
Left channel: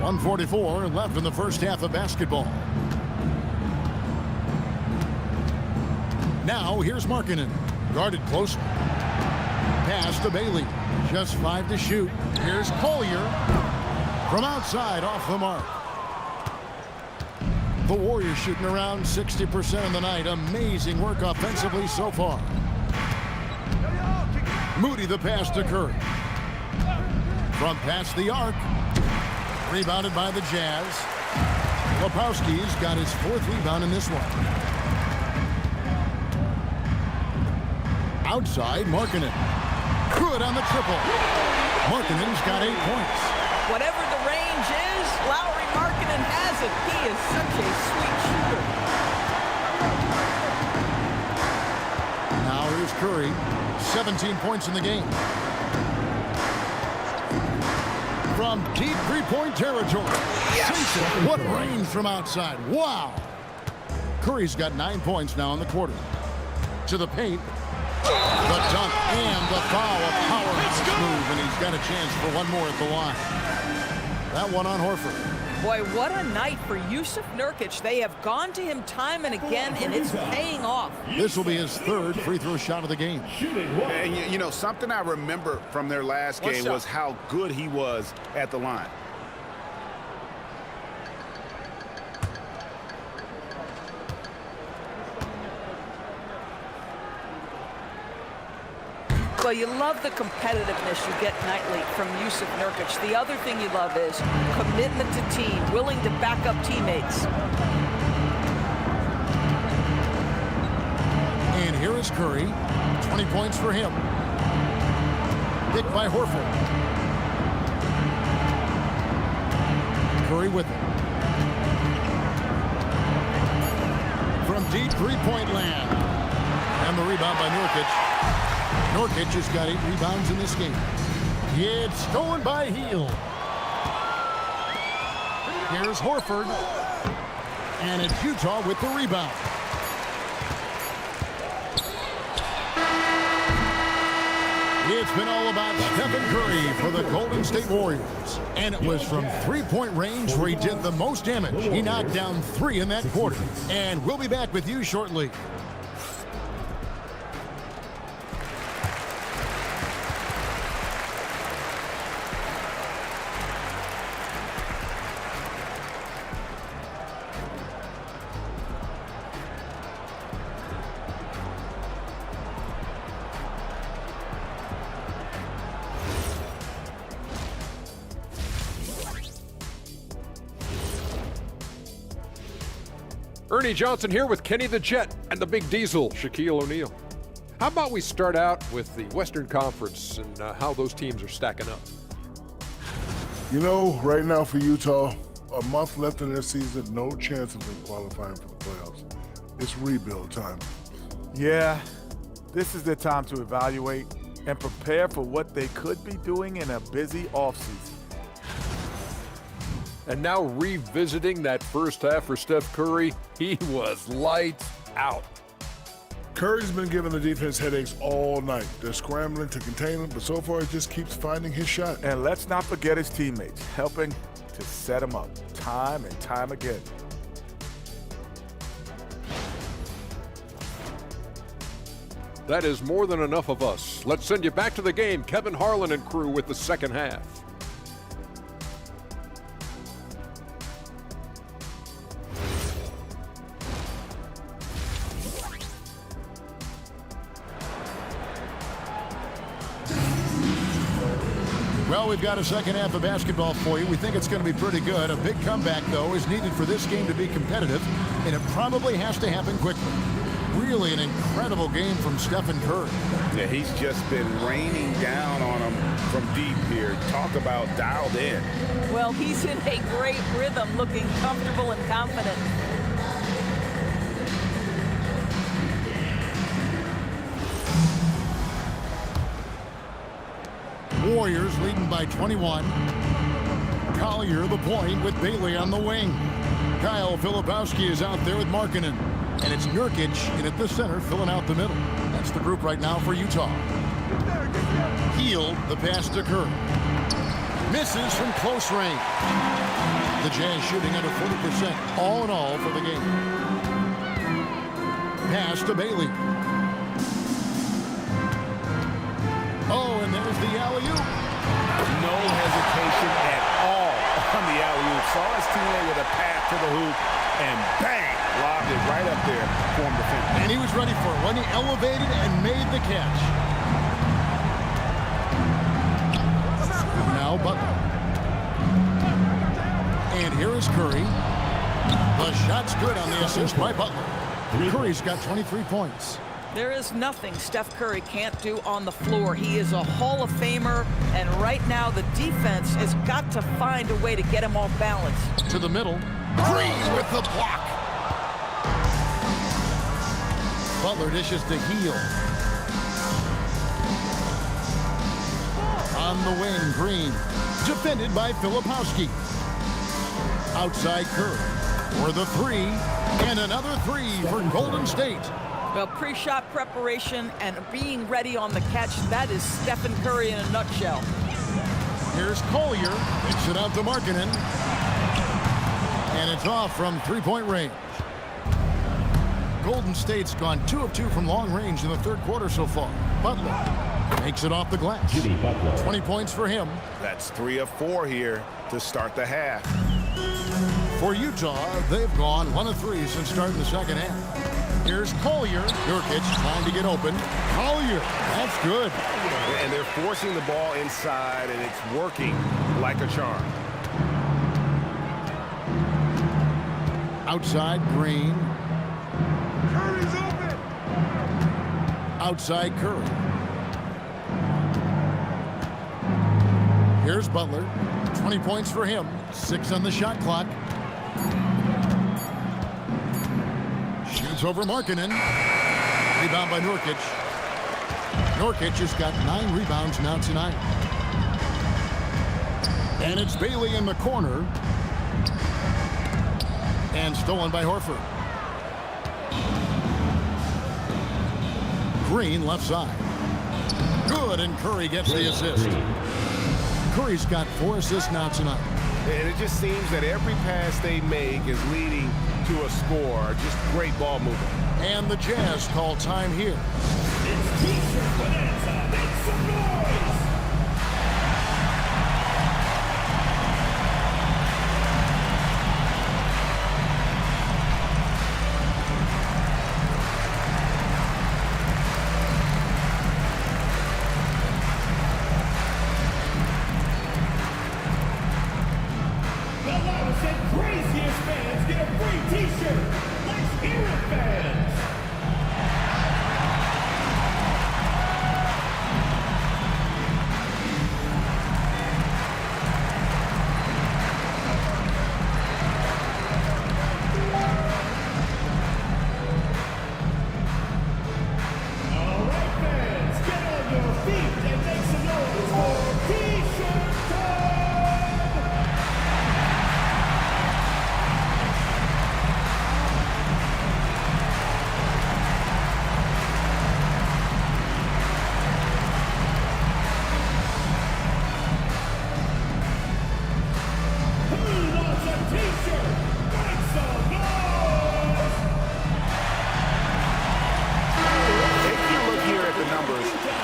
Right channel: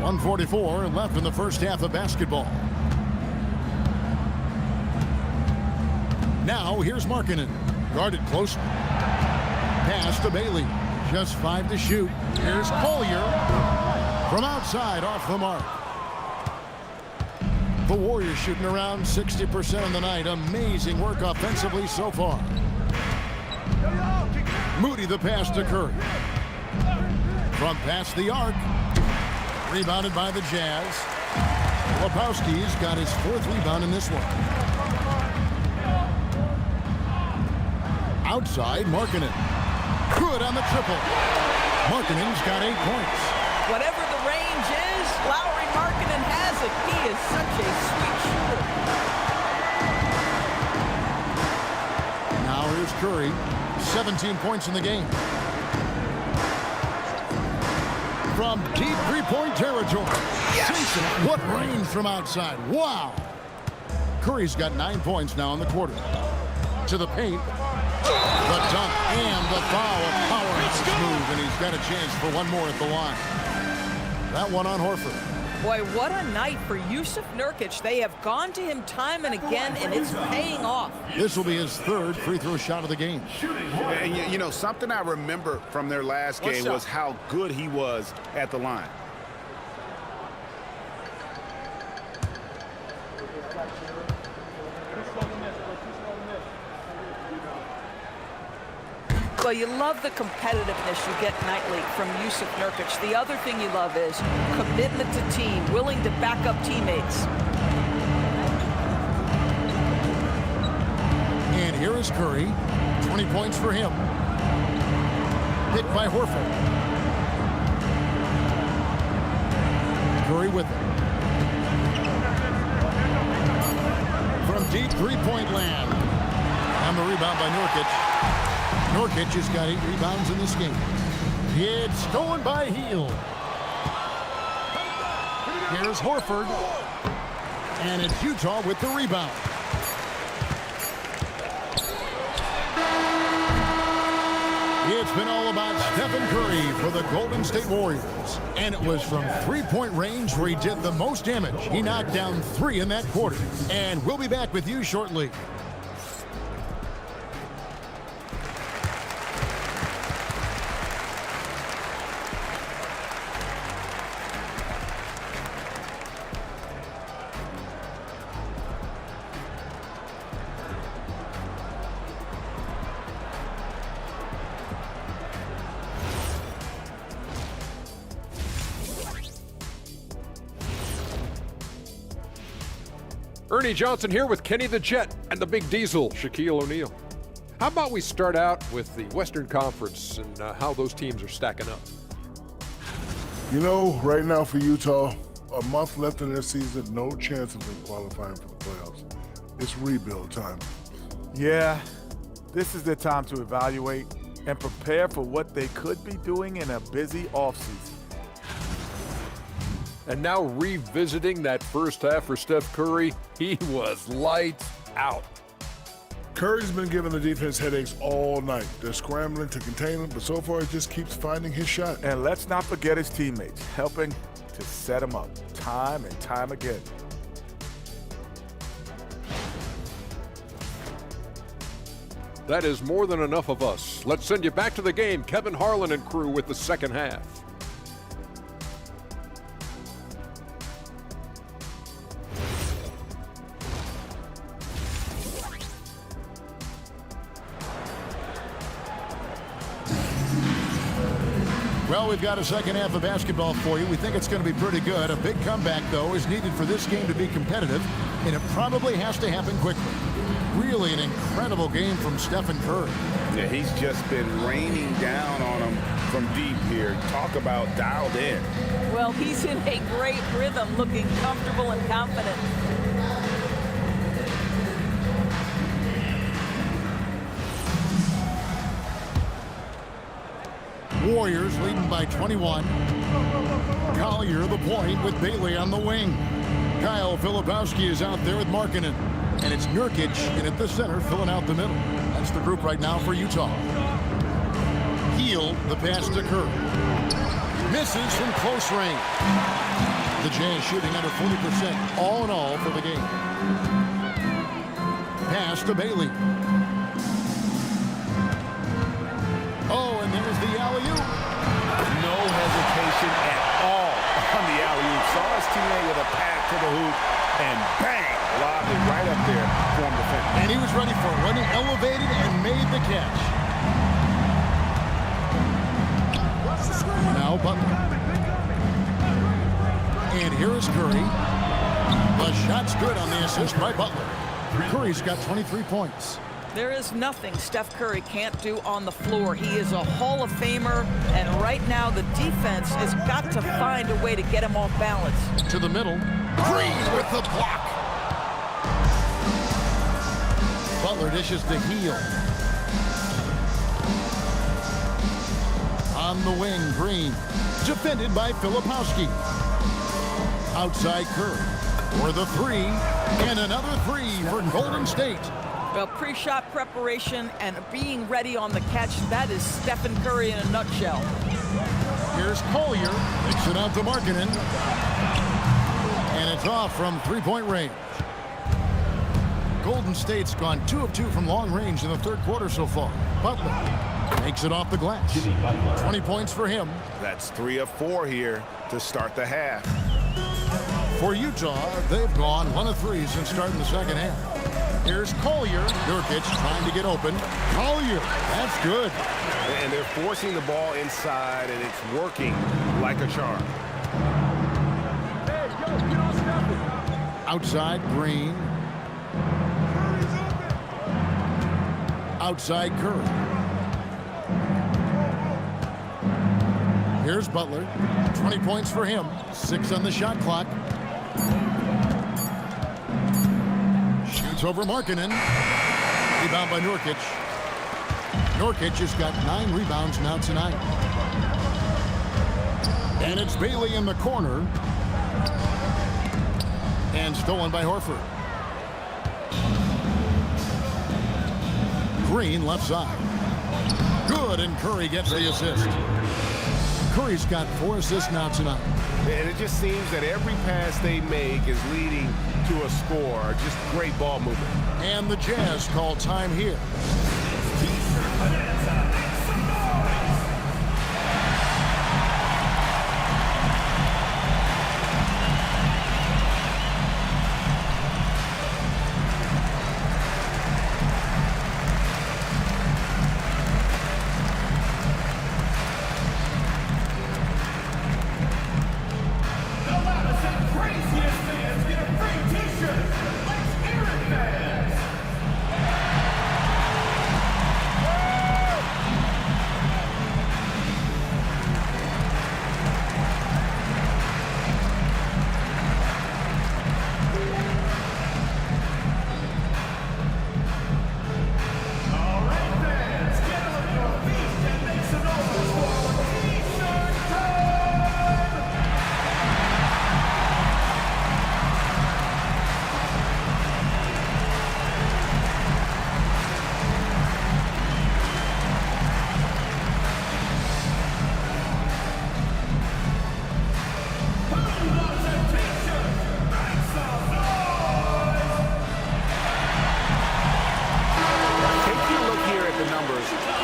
.144 left in the first half of basketball. Now here's Markkanen, guarded closely. Pass to Bailey, just 5 to shoot. Here's Collier from outside, off the mark. The Warriors shooting around 60% on the night. Amazing work offensively so far. Moody the pass to Curry. From past the arc. Rebounded by the Jazz. Lepowski's got his 4th rebound in this one. Outside, Markkanen. Good on the triple. Markkanen's got 8 points. Whatever the range is, Lauri Markkanen has it. He is such a sweet shooter. Now here's Curry. 17 points in the game. From deep three-point territory. Yes! What range from outside. Wow. Curry's got 9 points now in the quarter. To the paint. The dunk and the foul. A powerhouse move, and he's got a chance for one more at the line. That one on Horford. Boy, what a night for Jusuf Nurkic. They have gone to him time and again, and it's paying off. This will be his 3rd free throw shot of the game. And you know, something I remember from their last game was how good he was at the line. Well, you love the competitiveness you get nightly from Jusuf Nurkic. The other thing you love is commitment to team, willing to back up teammates. And here is Curry. 20 points for him. Picked by Horford. Curry with it. From deep three-point land. And the rebound by Nurkic. Nurkic has got 8 rebounds in this game. It's stolen by Hield. Here's Horford. And it's Utah with the rebound. It's been all about Stephen Curry for the Golden State Warriors. And it was from three-point range where he did the most damage. He knocked down 3 in that quarter. And we'll be back with you shortly. Ernie Johnson here with Kenny the Jet and the Big Diesel, Shaquille O'Neal. How about we start out with the Western Conference and how those teams are stacking up? You know, right now for Utah, a month left in their season, no chance of them qualifying for the playoffs. It's rebuild time. Yeah, this is their time to evaluate and prepare for what they could be doing in a busy offseason. And now revisiting that first half for Steph Curry, he was lights out. Curry's been giving the defense headaches all night. They're scrambling to contain him, but so far he just keeps finding his shot. And let's not forget his teammates, helping to set him up time and time again. That is more than enough of us. Let's send you back to the game. Kevin Harlan and crew with the second half. Well, we've got a second half of basketball for you. We think it's going to be pretty good. A big comeback, though, is needed for this game to be competitive, and it probably has to happen quickly. Really an incredible game from Stephen Curry. Yeah, he's just been raining down on him from deep here. Talk about dialed in. Well, he's in a great rhythm, looking comfortable and confident. Warriors leading by 21. Collier the point with Bailey on the wing. Kyle Filipowski is out there with Markkanen. And it's Nurkic in at the center filling out the middle. That's the group right now for Utah. Hield the pass to Curry. Misses from close range. The Jazz shooting under 40% all in all for the game. Pass to Bailey. Oh, and there's the alley-oop. No hesitation at all on the alley-oop. Saw his teammate with a pass to the hoop, and bang, lobbed it right up there for him to finish. And he was ready for it when he elevated and made the catch. Now Butler. And here is Curry. The shot's good on the assist by Butler. Curry's got 23 points. There is nothing Steph Curry can't do on the floor. He is a Hall of Famer, and right now the defense has got to find a way to get him off balance. To the middle. Green with the block. Butler dishes to Hield. On the wing, Green. Defended by Filipowski. Outside Curry. For the three. And another three for Golden State. Well, pre-shot preparation and being ready on the catch, that is Stephen Curry in a nutshell. Here's Collier. Kicks it out to Markkanen. And it's off from three-point range. Golden State's gone 2 of 2 from long range in the third quarter so far. Butler makes it off the glass. 20 points for him. That's 3 of 4 here to start the half. For Utah, they've gone 1 of 3 since starting the second half. Here's Collier. Nurkic trying to get open. Collier, that's good. And they're forcing the ball inside, and it's working like a charm. Outside, Green. Curry's open. Outside, Curry. Here's Butler. 20 points for him. 6 on the shot clock. Shoots over Markkanen. Rebound by Nurkic. Nurkic has got 9 rebounds now tonight. And it's Bailey in the corner. And stolen by Horford. Green left side. Good, and Curry gets the assist. Curry's got 4 assists now tonight. And it just seems that every pass they make is leading to a score. Just great ball movement. And the Jazz call time here.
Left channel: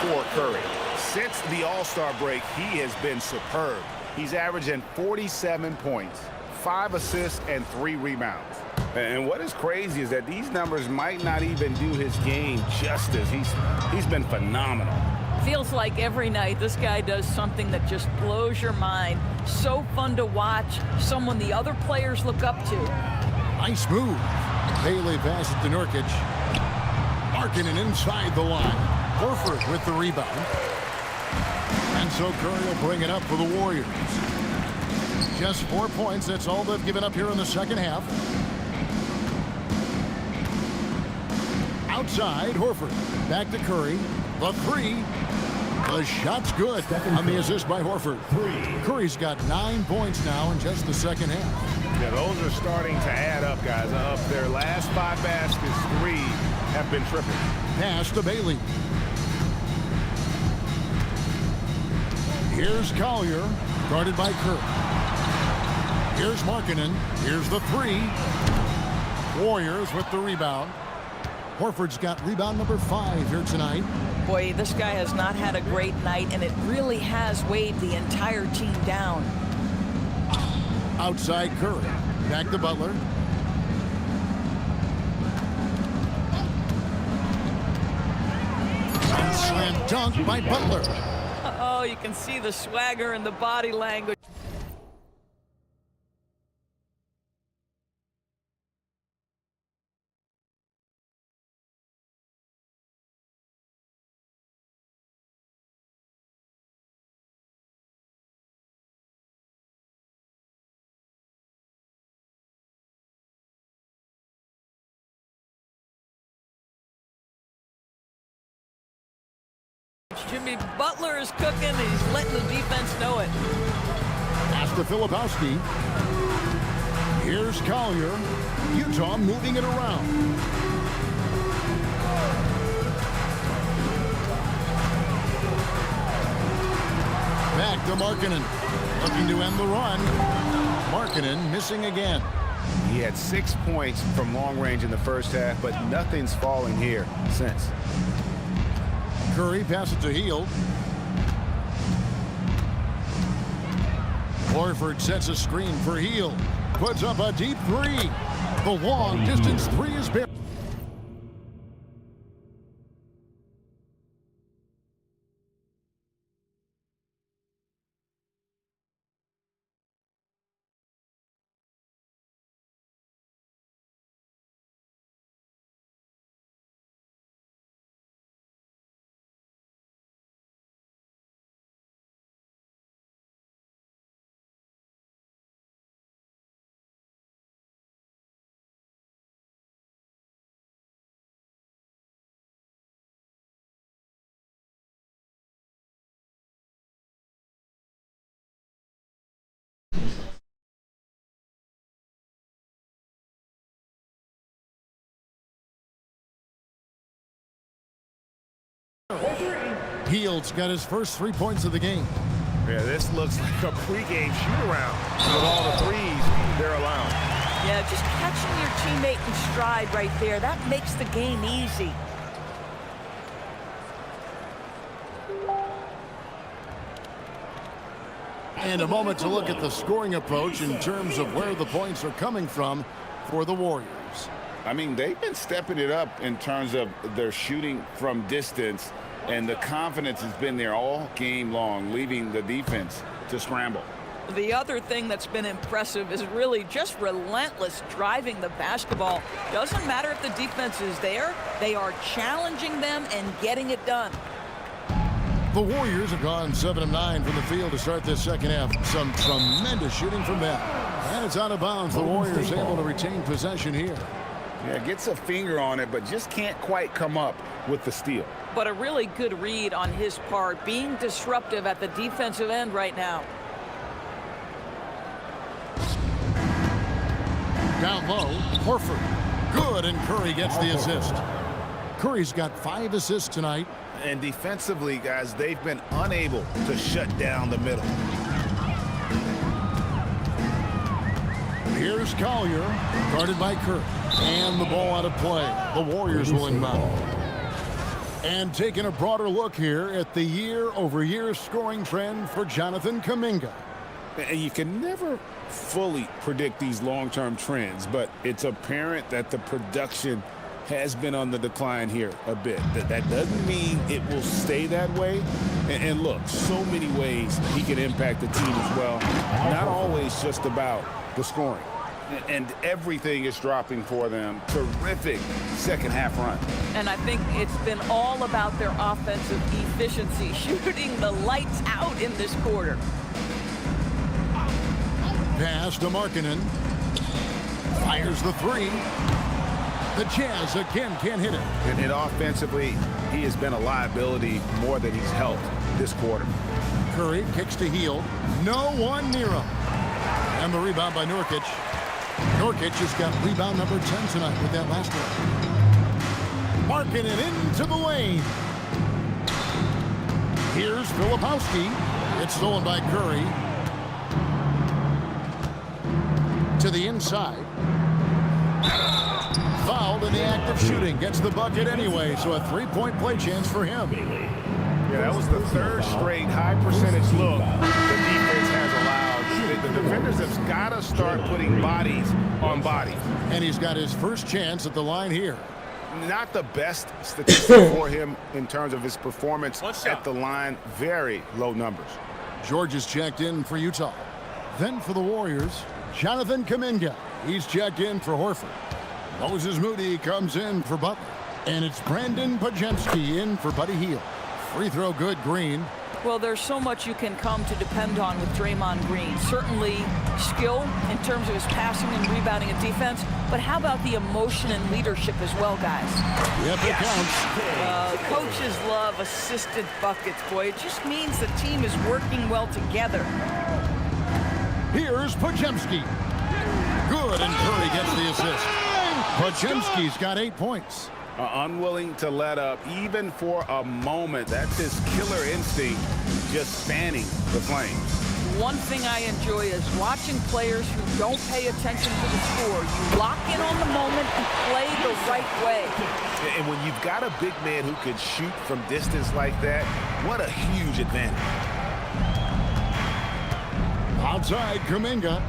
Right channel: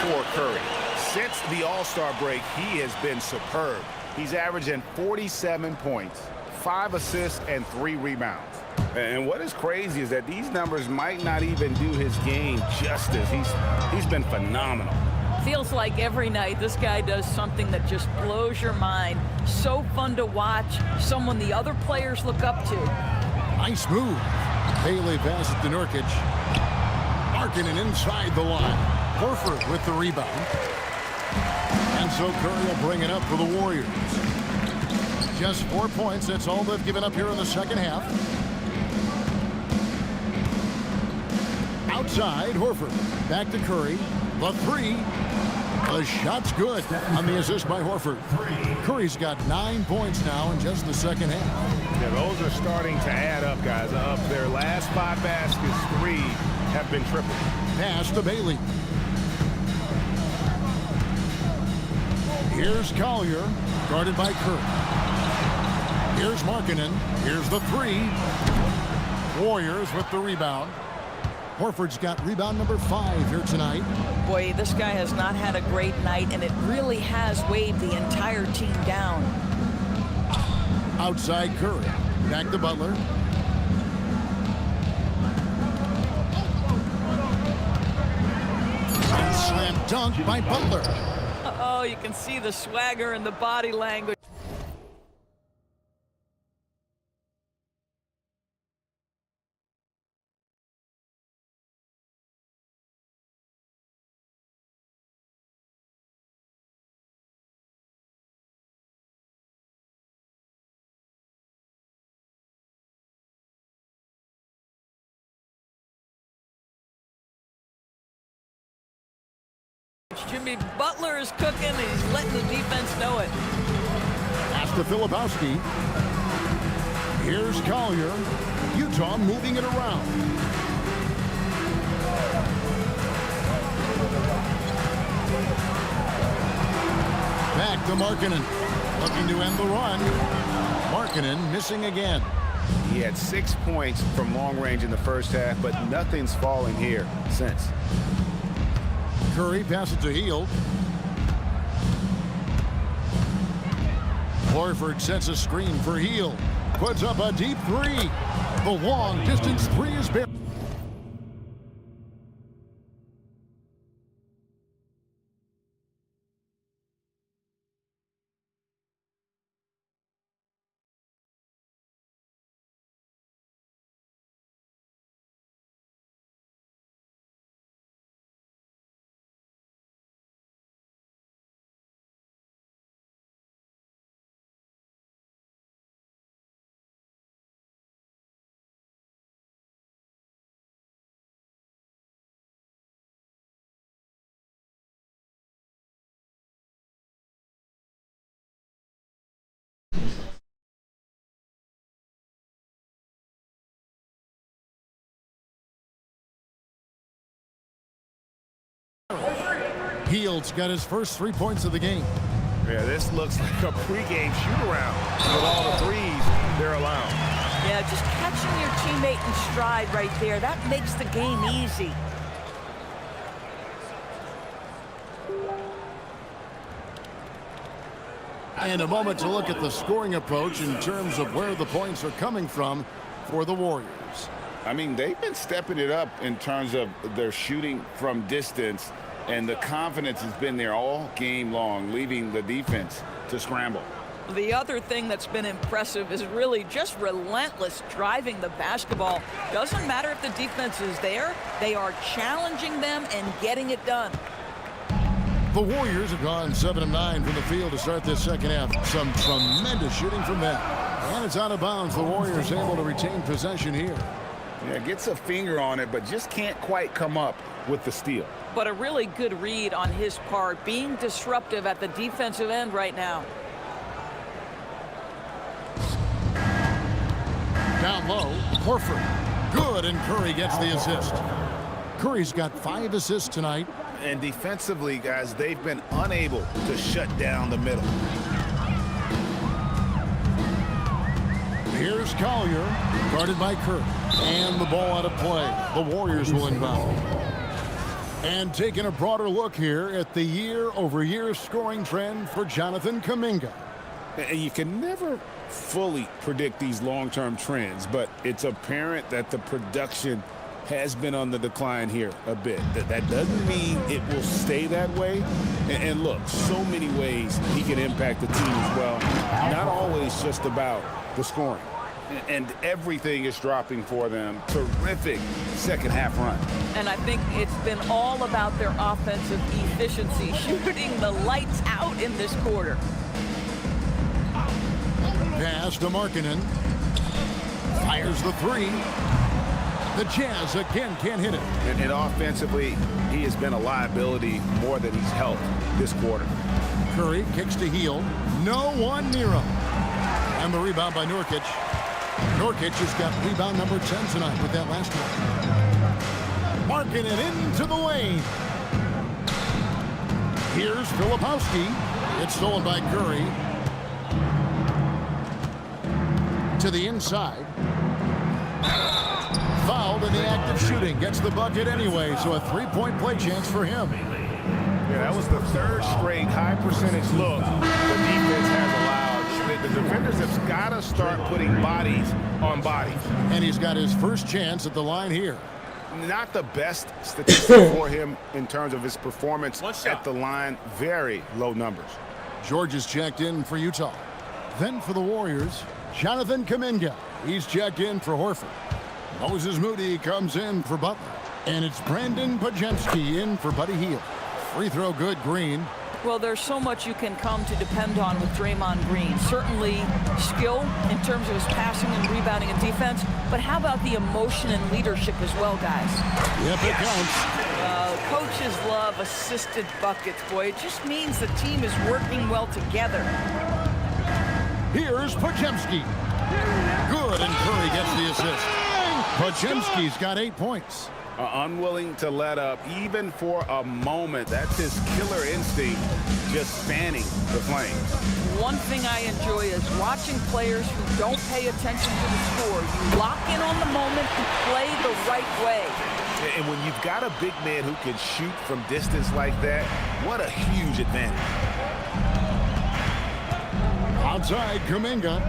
for Curry. Since the All-Star break, he has been superb. He's averaging 47 points, 5 assists, and 3 rebounds. And what is crazy is that these numbers might not even do his game justice. He's been phenomenal. Feels like every night this guy does something that just blows your mind. So fun to watch, someone the other players look up to. Nice move. Bailey passes to Nurkic. Markkanen inside the line. Horford with the rebound. And so Curry will bring it up for the Warriors. Just 4 points. That's all they've given up here in the second half. Outside, Horford. Back to Curry. The three. The shot's good on the assist by Horford. Curry's got 9 points now in just the second half. Yeah, those are starting to add up, guys. Of their last 5 baskets, 3 have been triples. Pass to Bailey. Here's Collier, guarded by Kerr. Here's Markkanen. Here's the 3. Warriors with the rebound. Horford's got rebound number 5 here tonight. Boy, this guy has not had a great night, and it really has weighed the entire team down. Outside Curry. Back to Butler. And slam dunk by Butler. Oh, you can see the swagger and the body language. Jimmy Butler is cooking, and he's letting the defense know it. Pass to Filipowski. Here's Collier. Utah moving it around. Back to Markkanen. Looking to end the run. Markkanen missing again. He had 6 points from long range in the first half, but nothing's falling here since. Curry passes to Hield. Horford sets a screen for Hield. Puts up a deep 3. The long distance 3 is buried. Hield's got his first 3 points of the game. Yeah, this looks like a pregame shoot-around with all the threes they're allowing. Yeah, just catching your teammate in stride right there, that makes the game easy. And a moment to look at the scoring approach in terms of where the points are coming from for the Warriors. I mean, they've been stepping it up in terms of their shooting from distance, and the confidence has been there all game long, leaving the defense to scramble. The other thing that's been impressive is really just relentless driving the basketball. Doesn't matter if the defense is there, they are challenging them and getting it done. The Warriors have gone 7 of 9 from the field to start this second half. Some tremendous shooting from them. And it's out of bounds. The Warriors able to retain possession here. Yeah, gets a finger on it, but just can't quite come up with the steal. But a really good read on his part, being disruptive at the defensive end right now. Down low, Horford. Good, and Curry gets the assist. Curry's got 5 assists tonight. And defensively, guys, they've been unable to shut down the middle. Here's Collier, guarded by Kerr. And the ball out of play. The Warriors will inbound. And taking a broader look here at the year-over-year scoring trend for Jonathan Kuminga. And you can never fully predict these long-term trends, but it's apparent that the production has been on the decline here a bit. That doesn't mean it will stay that way. And look, so many ways he can impact the team as well. Not always just about the scoring. And everything is dropping for them. Terrific second half run. And I think it's been all about their offensive efficiency, shooting the lights out in this quarter. Pass to Markkanen. Fires the three. The Jazz again can't hit it. And offensively, he has been a liability more than he's helped this quarter. Curry kicks to Hield. No one near him. And the rebound by Nurkic. Nurkic has got rebound number 10 tonight with that last one. Markkanen into the lane. Here's Filipowski. It's stolen by Curry. To the inside. Fouled in the act of shooting. Gets the bucket anyway, so a three-point play chance for him. Yeah, that was the third straight high-percentage look the defense has allowed. The defenders have got to start putting bodies on bodies. And he's got his first chance at the line here. Not the best statistic for him in terms of his performance at the line. Very low numbers. George is checked in for Utah. Then for the Warriors, Jonathan Kuminga. He's checked in for Horford. Moses Moody comes in for Butler. And it's Brandon Podziemski in for Buddy Hield. Free throw good, Green. Well, there's so much you can come to depend on with Draymond Green. Certainly skill in terms of his passing and rebounding and defense, but how about the emotion and leadership as well, guys? Yep, it counts. Coaches love assisted buckets, boy. It just means the team is working well together. Here's Podziemski. Good, and Curry gets the assist. Podziemski's got 8 points. Unwilling to let up even for a moment. That's his killer instinct, just fanning the flames. One thing I enjoy is watching players who don't pay attention to the score. You lock in on the moment and play the right way. And when you've got a big man who can shoot from distance like that, what a huge advantage. Outside, Kuminga.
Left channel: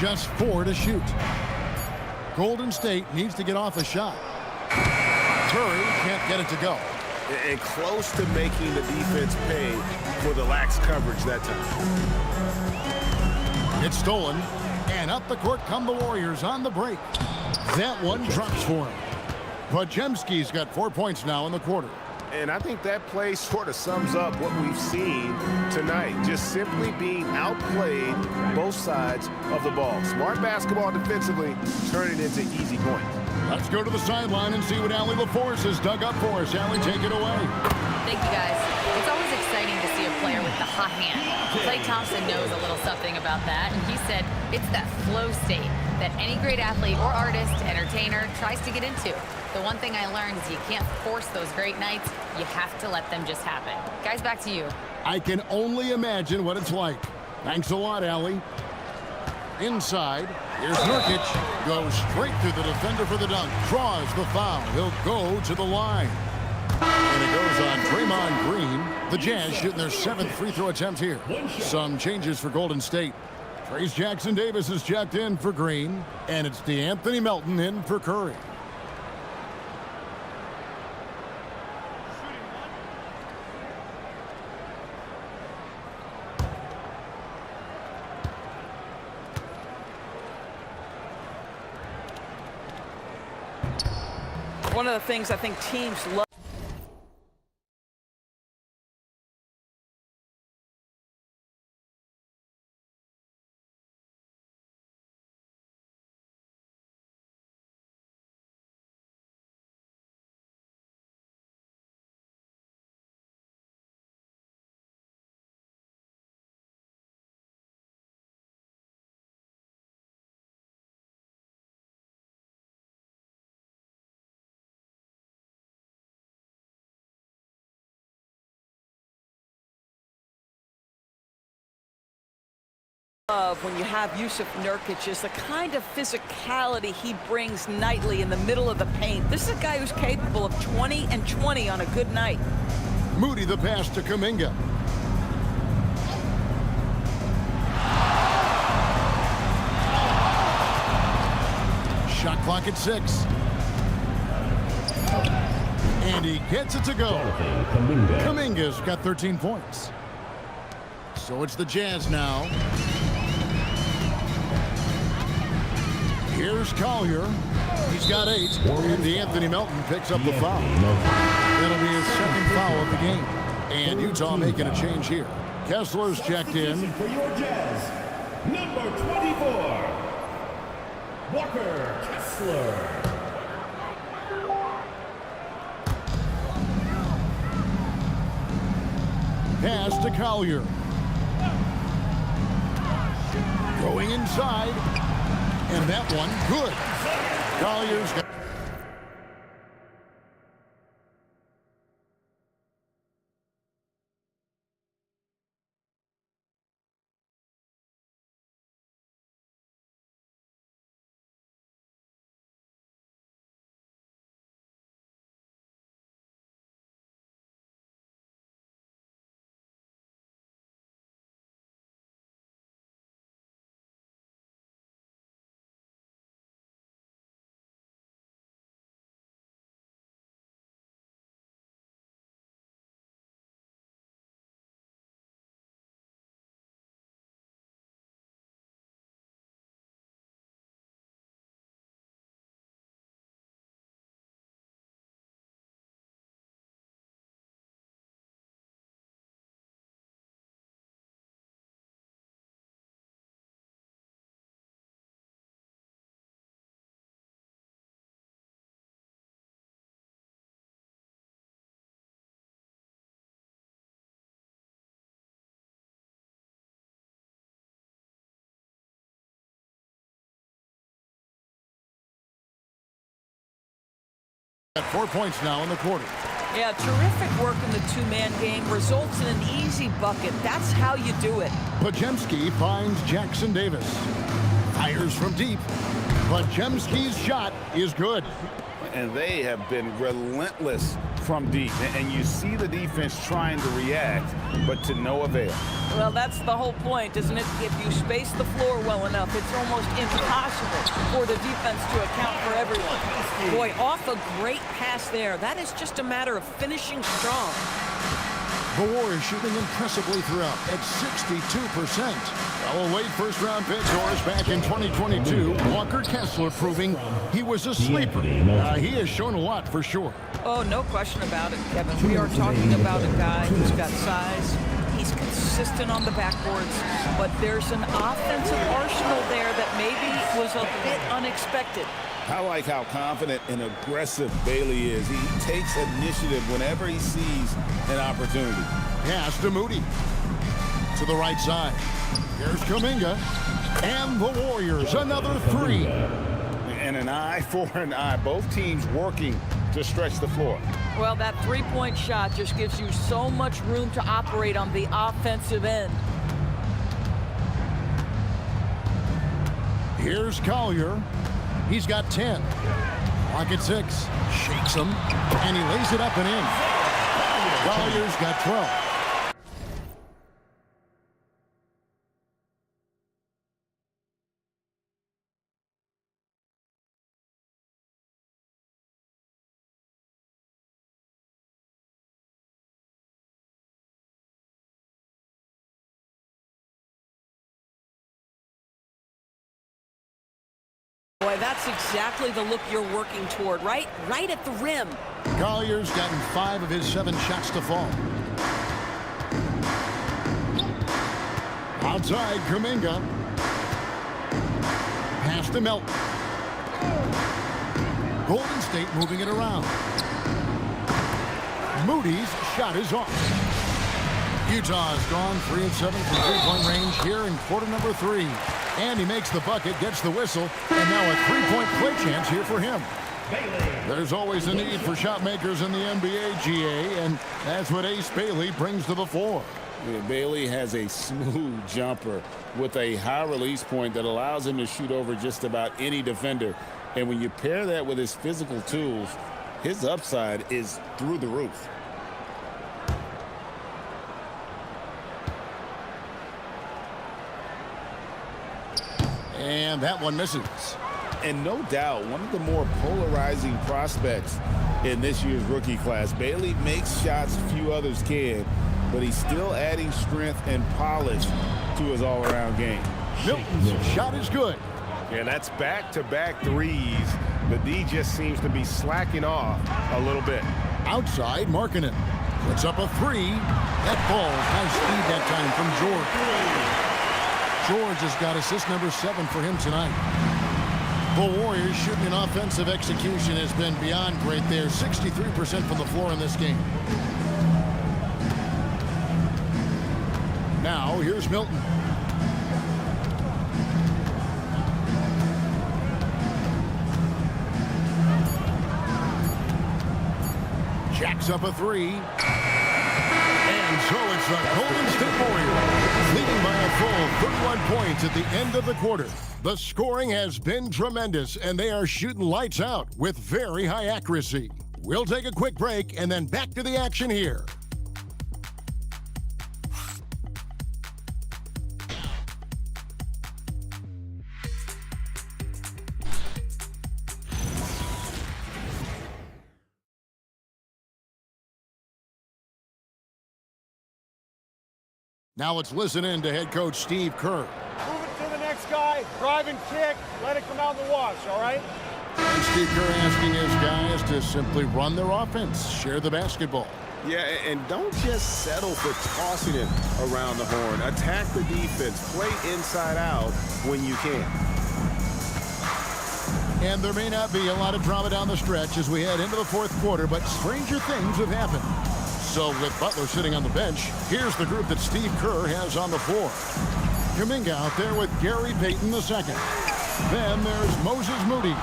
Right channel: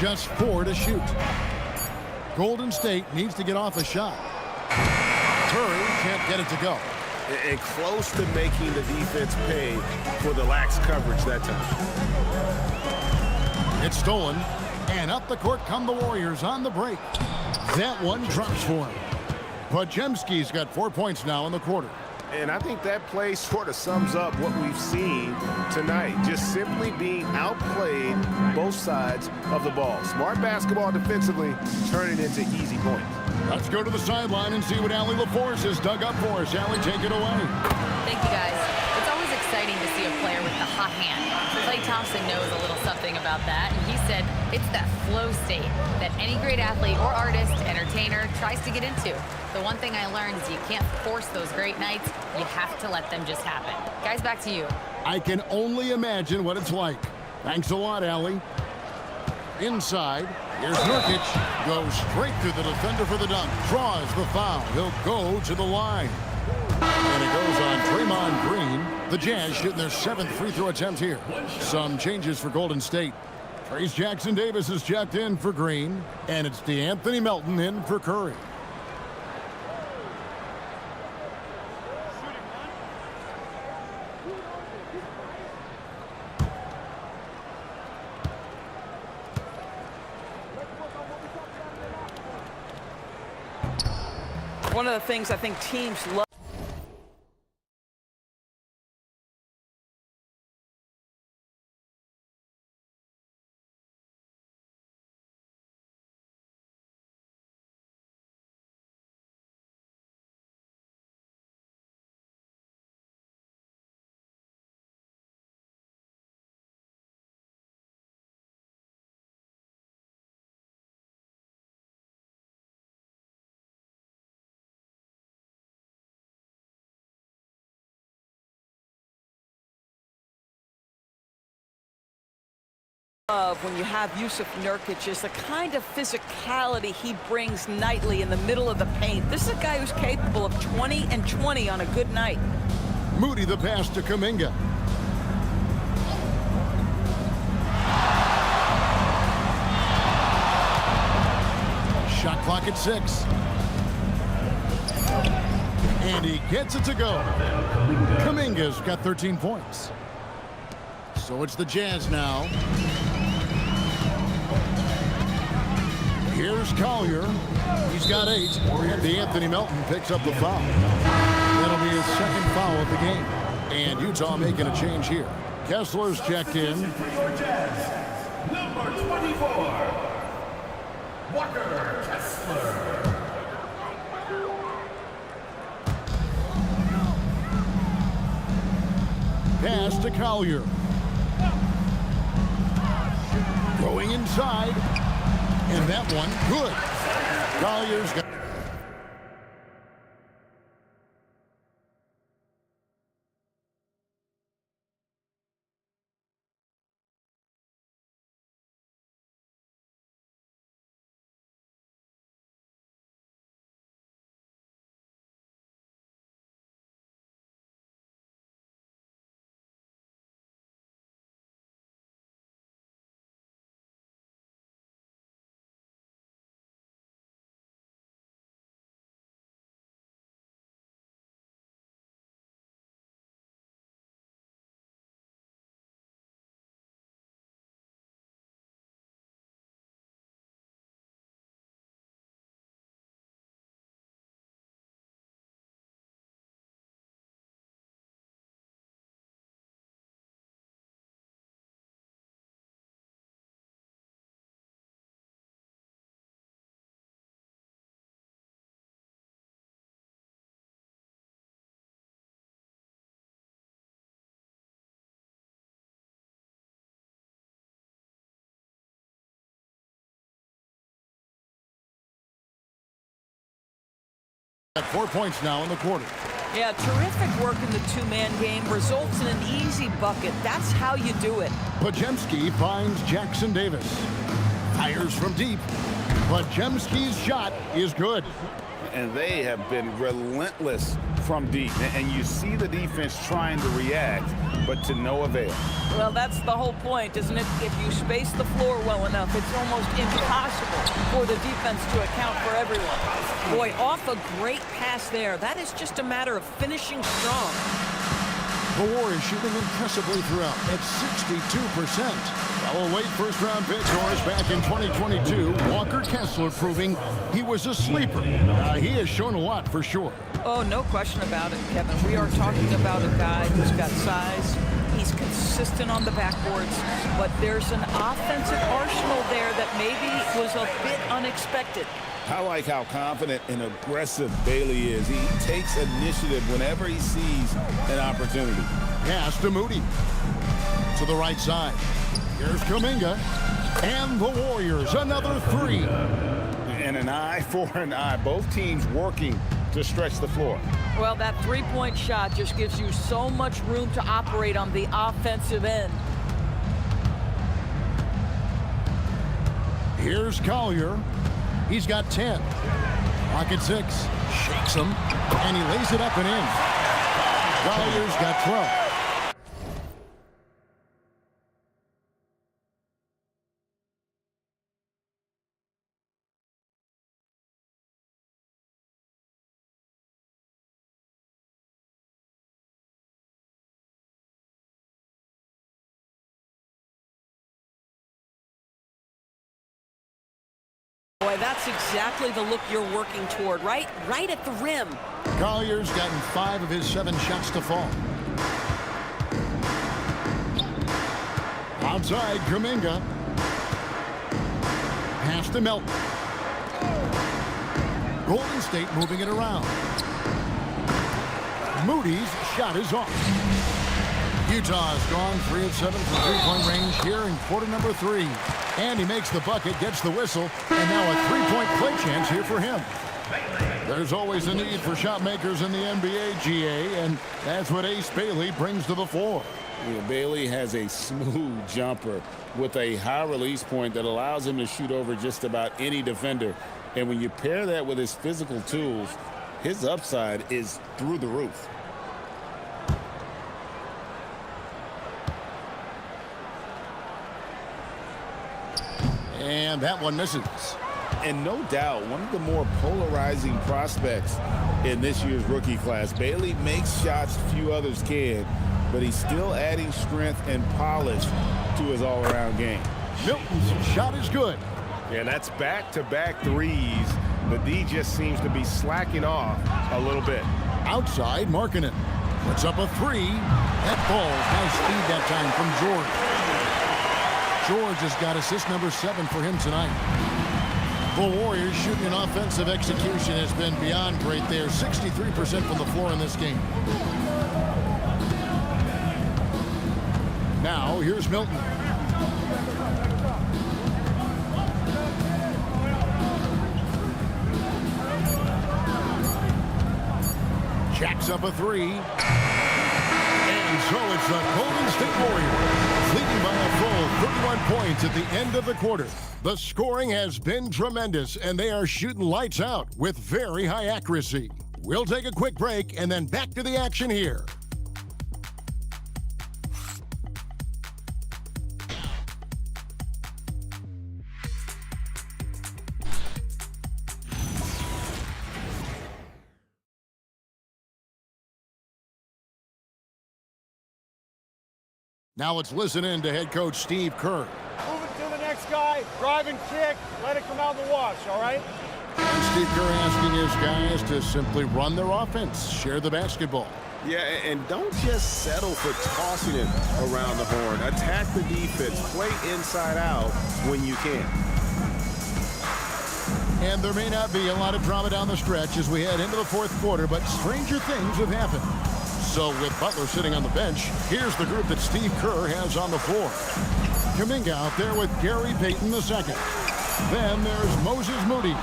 Just 4 to shoot. Golden State needs to get off a shot. Curry can't get it to go. And close to making the defense pay for the lax coverage that time. It's stolen. And up the court come the Warriors on the break. That one drops for him. Podziemski's got 4 points now in the quarter. And I think that play sort of sums up what we've seen tonight. Just simply being outplayed both sides of the ball. Smart basketball defensively, turning into easy points. Let's go to the sideline and see what Allie LaForce has dug up for us. Allie, take it away. Thank you, guys. It's always exciting to see a player with the hot hand. Klay Thompson knows a little something about that, and he said it's that flow state that any great athlete or artist, entertainer, tries to get into. The one thing I learned is you can't force those great nights. You have to let them just happen. Guys, back to you. I can only imagine what it's like. Thanks a lot, Allie. Inside, here's Nurkic. Goes straight through the defender for the dunk. Draws the foul. He'll go to the line. And it goes on Draymond Green. The Jazz shooting their 7th free throw attempt here. Some changes for Golden State. Trace Jackson Davis is checked in for Green. And it's DeAnthony Melton in for Curry. One of the things I think teams love When you have Yusuf Nurkic is the kind of physicality he brings nightly in the middle of the paint. This is a guy who's capable of 20 and 20 on a good night. Moody the pass to Kuminga. Shot clock at 6. And he gets it to go. Kuminga's got 13 points. So it's the Jazz now. Here's Collier. He's got 8. And Anthony Melton picks up the foul. That'll be his second foul of the game. And Utah making a change here. Kessler's checked in. For your Jazz, number 24, Walker Kessler. Pass to Collier. Going inside. And that one, good. Collier's got... At 4 points now in the quarter. Yeah, terrific work in the two-man game results in an easy bucket. That's how you do it. Podziemski finds Jackson Davis. Fires from deep. Podziemski's shot is good. And they have been relentless from deep. And you see the defense trying to react, but to no avail. Well, that's the whole point, isn't it? If you space the floor well enough, it's almost impossible for the defense to account for everyone. Boy, off a great pass there. That is just a matter of finishing strong. The Warriors shooting impressively throughout at 62%. Well, a late first-round pick Doris back in 2022. Walker Kessler proving he was a sleeper. He has shown a lot for sure. Oh, no question about it, Kevin. We are talking about a guy who's got size. He's consistent on the backboards, but there's an offensive arsenal there that maybe was a bit unexpected. I like how confident and aggressive Bailey is. He takes initiative whenever he sees an opportunity. Pass to Moody. To the right side. Here's Kuminga. And the Warriors, another 3. And an eye for an eye. Both teams working to stretch the floor. Well, that three-point shot just gives you so much room to operate on the offensive end. Here's Collier. He's got 10. Clock at 6. Shakes him. And he lays it up and in. Collier's got 12. Boy, that's exactly the look you're working toward, right? Right at the rim. Collier's gotten 5 of his 7 shots to fall. Outside, Kuminga. Pass to Melton. Golden State moving it around. Moody's shot is off. Utah has gone 3 of 7 from three-point range here in quarter number 3. And he makes the bucket, gets the whistle, and now a three-point play chance here for him. There's always a need for shot makers in the NBA, GA, and that's what Ace Bailey brings to the floor. Yeah, Bailey has a smooth jumper with a high release point that allows him to shoot over just about any defender. And when you pair that with his physical tools, his upside is through the roof. And that one misses. And no doubt, one of the more polarizing prospects in this year's rookie class. Bailey makes shots few others can, but he's still adding strength and polish to his all-around game. Milton's shot is good. And that's back-to-back threes. The D just seems to be slacking off a little bit. Outside, Markkanen puts up a three. That falls. Nice speed that time from George. George has got assist number 7 for him tonight. The Warriors shooting an offensive execution has been beyond great. They're 63% from the floor in this game. Now, here's Milton. Jacks up a three. And so it's the Golden State Warriors leading by a full 31 points at the end of the quarter. The scoring has been tremendous, and they are shooting lights out with very high accuracy. We'll take a quick break and then back to the action here. Now let's listen in to head coach Steve Kerr. Move it to the next guy, drive and kick, let it come out in the wash, all right? And Steve Kerr asking his guys to simply run their offense, share the basketball. Yeah, and don't just settle for tossing it around the horn. Attack the defense, play inside out when you can. And there may not be a lot of drama down the stretch as we head into the fourth quarter, but stranger things have happened. So with Butler sitting on the bench, here's the group that Steve Kerr has on the floor. Kuminga out there with Gary Payton II. Then there's Moses Moody.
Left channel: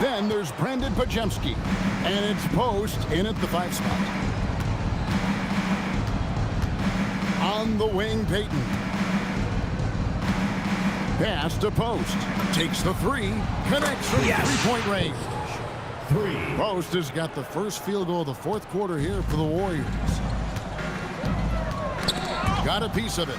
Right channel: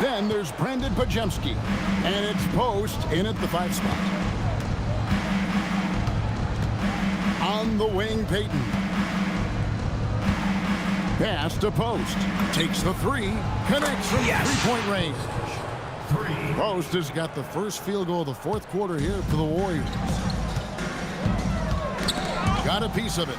Then there's Brandon Pajemski. And it's Post in at the 5 spot. On the wing, Payton. Pass to Post. Takes the three. Connects from three-point range. Post has got the first field goal of the fourth quarter here for the Warriors. Got a piece of it.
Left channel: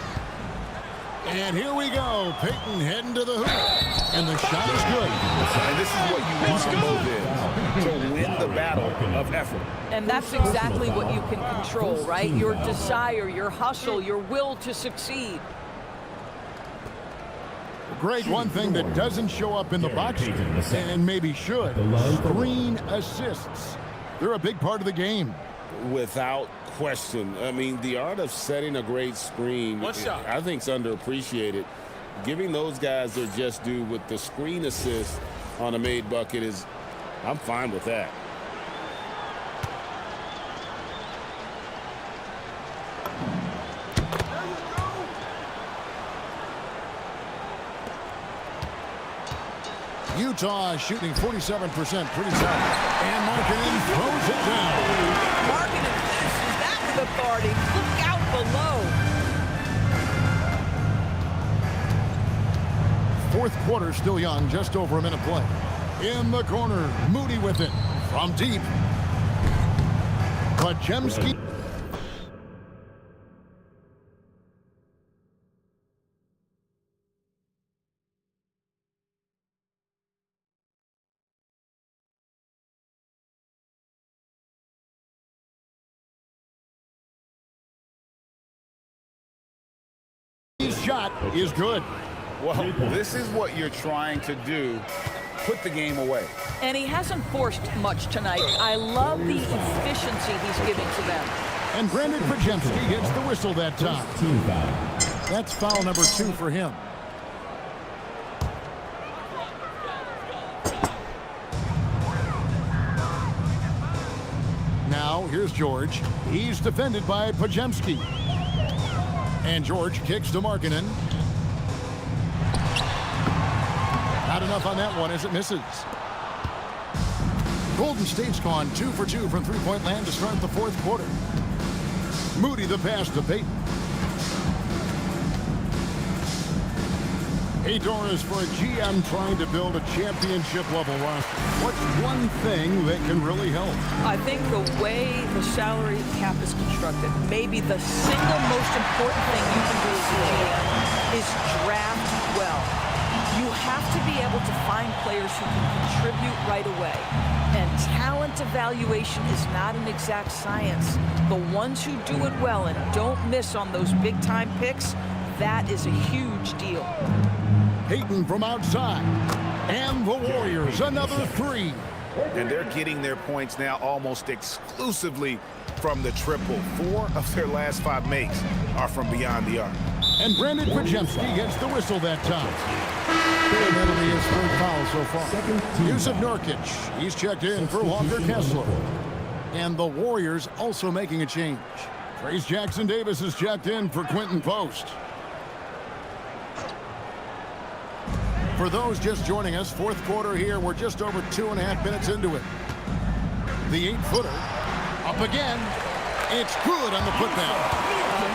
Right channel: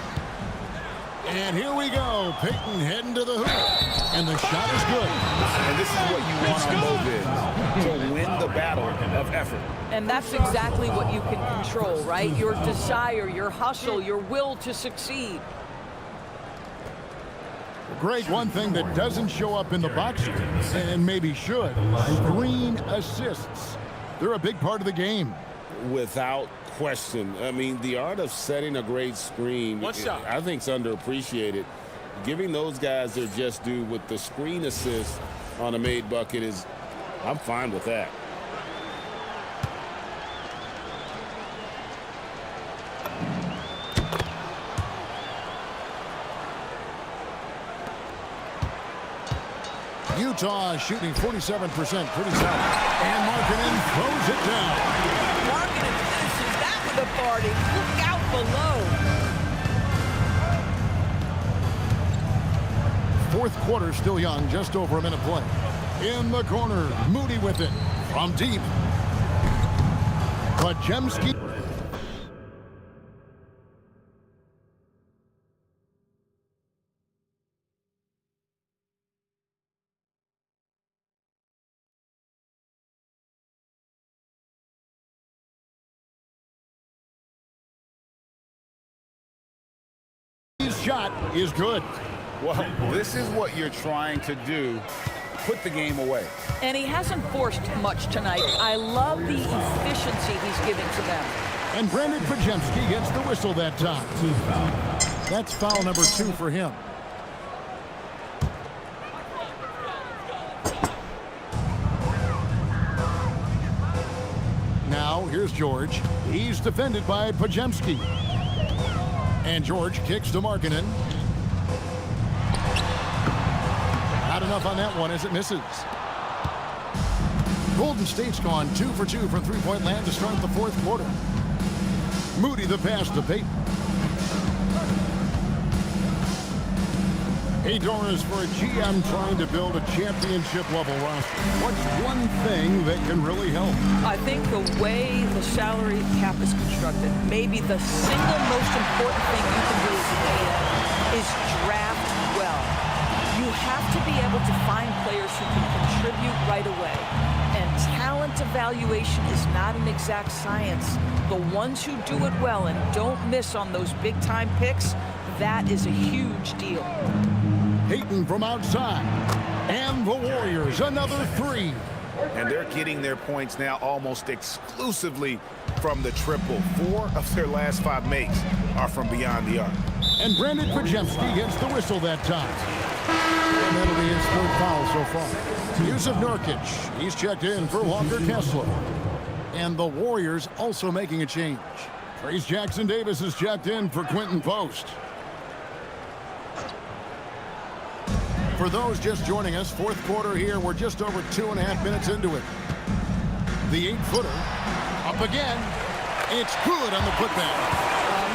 And here we go. Payton heading to the hoop. And the shot is good. And this is what you want on both ends, to win the battle of effort. And that's exactly what you can control, right? Your desire, your hustle, your will to succeed. Greg, one thing that doesn't show up in the box score, and maybe should, screen assists. They're a big part of the game. Without question. I mean, the art of setting a great screen, I think, is underappreciated. Giving those guys their just due with the screen assist on a made bucket is, I'm fine with that. Utah shooting 47%, pretty solid. And Markkanen throws it down. Markkanen finishes that with authority. Look out below. Fourth quarter still young, just over a minute play. In the corner, Moody with it. From deep. Pajemski. Shot is good. Well, this is what you're trying to do. Put the game away. And he hasn't forced much tonight. I love the efficiency he's giving to them. And Brandon Pajemski gets the whistle that time. That's foul number 2 for him. Now, here's George. He's defended by Pajemski. And George kicks to Markkanen. Not enough on that one as it misses. Golden State's gone 2 for 2 from three-point land to start the fourth quarter. Moody the pass to Payton. Hey, Doris, for a GM trying to build a championship-level roster, what's one thing that can really help? I think the way the salary cap is constructed, maybe the single most important thing you can do as a GM is draft well. You have to be able to find players who can contribute right away. And talent evaluation is not an exact science. The ones who do it well and don't miss on those big-time picks, that is a huge deal. Payton from outside. And the Warriors, another three. And they're getting their points now almost exclusively from the triple. 4 of their last 5 makes are from beyond the arc. And Brandon Pajemski gets the whistle that time. And that'll be his 3rd foul so far. Yusuf Nurkic, he's checked in for Walker Kessler. And the Warriors also making a change. Trace Jackson Davis is checked in for Quentin Post. For those just joining us, 4th quarter here. We're just over 2.5 minutes into it. The 8-footer up again. It's good on the putback.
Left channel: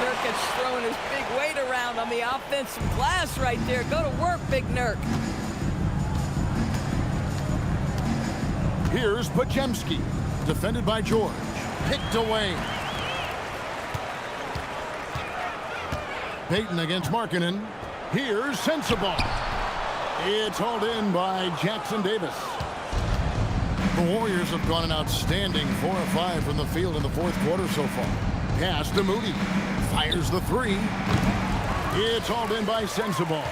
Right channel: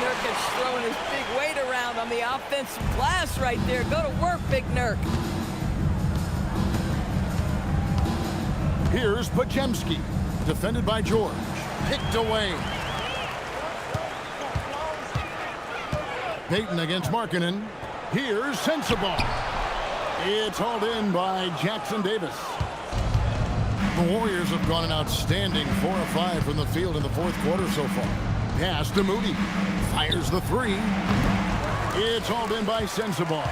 Nurkic throwing his big weight around on the offensive glass right there. Go to work, Big Nurk. Here's Pajemski, defended by George. Picked away. Payton against Markkanen. Here's Sensabaugh. It's hauled in by Jackson Davis. The Warriors have gone an outstanding 4 of 5 from the field in the 4th quarter so far. Pass to Moody. Fires the 3. It's hauled in by Sensabaugh.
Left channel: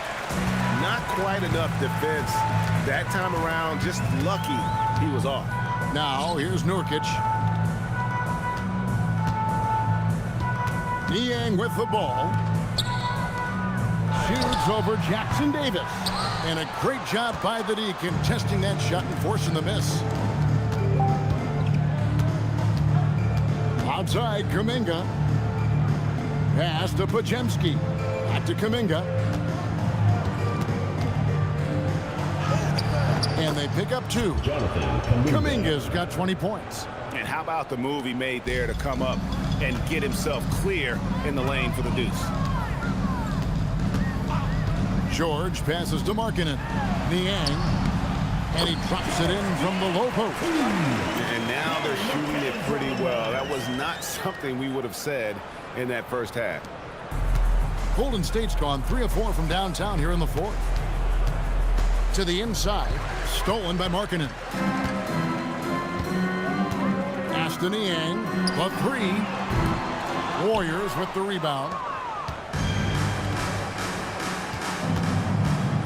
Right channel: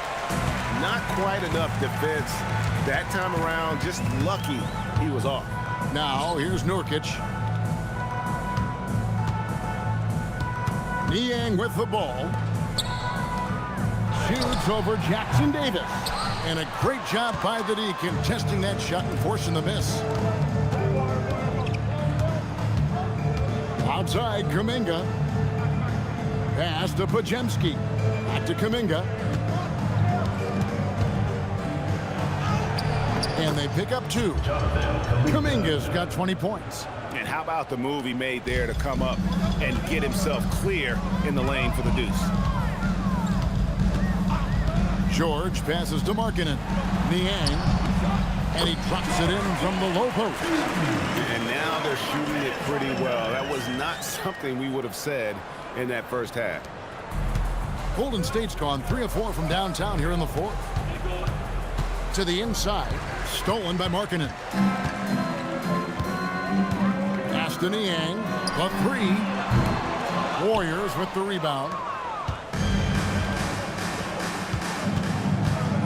Not quite enough defense that time around. Just lucky he was off. Now here's Nurkic. Niang with the ball. Shoots over Jackson Davis. And a great job by the D contesting that shot and forcing the miss. Outside, Kuminga. Pass to Pajemski. Back to Kuminga. And they pick up 2. Kuminga's got 20 points. And how about the move he made there to come up and get himself clear in the lane for the deuce? George passes to Markkanen. Niang. And he drops it in from the low post. And now they're shooting it pretty well. That was not something we would have said in that first half. Golden State's gone 3 of 4 from downtown here in the 4th. To the inside. Stolen by Markkanen. Pass to Niang. The 3. Warriors with the rebound.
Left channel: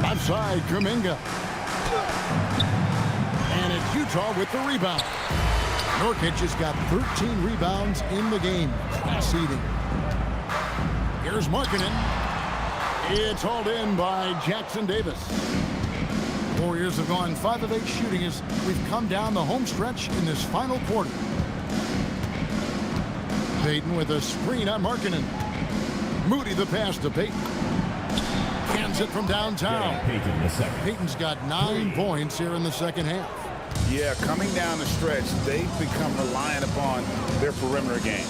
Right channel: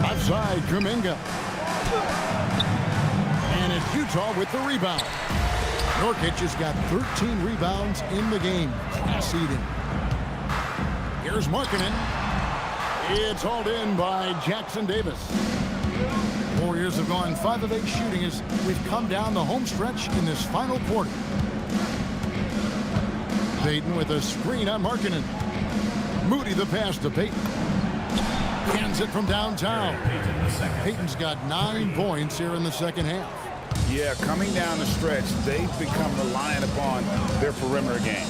Left side, Kuminga. And it's Utah with the rebound. Nurkic has got 13 rebounds in the game. Class eating. Here's Markkanen. It's hauled in by Jackson Davis. Warriors have gone 5 of 8 shooting as we've come down the home stretch in this final quarter. Payton with a screen on Markkanen. Moody the pass to Payton. Hands it from downtown. Payton's got 9 points here in the second half. Yeah, coming down the stretch, they've become reliant upon their perimeter game.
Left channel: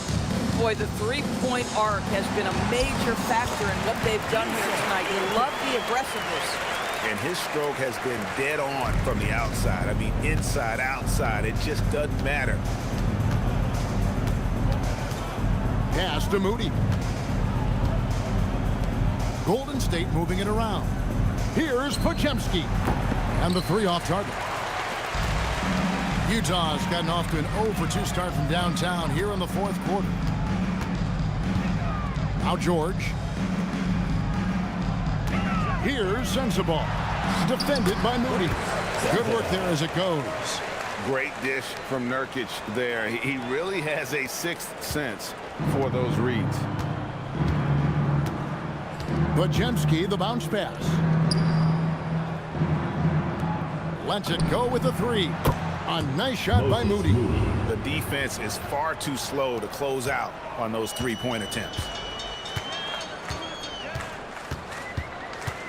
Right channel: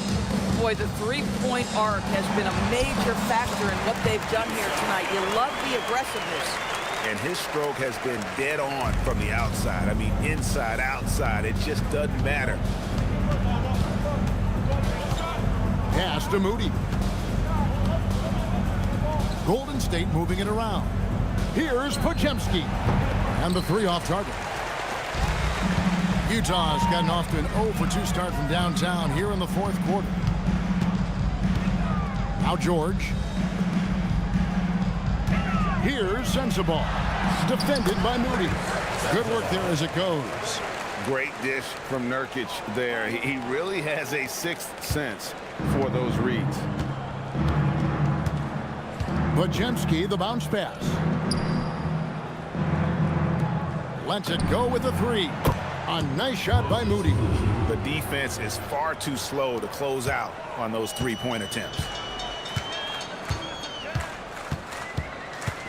Boy, the 3-point arc has been a major factor in what they've done here tonight. You love the aggressiveness. And his stroke has been dead on from the outside. I mean, inside, outside, it just doesn't matter. Pass to Moody. Golden State moving it around. Here's Pajemski. And the 3 off target. Utah's gotten off to an 0 for 2 start from downtown here in the 4th quarter. Now George. Here's Sensabaugh. Defended by Moody. Good work there as it goes. Great dish from Nurkic there. He really has a 6th sense for those reads. Pajemski, the bounce pass. Lets it go with the 3. A nice shot by Moody. The defense is far too slow to close out on those 3-point attempts.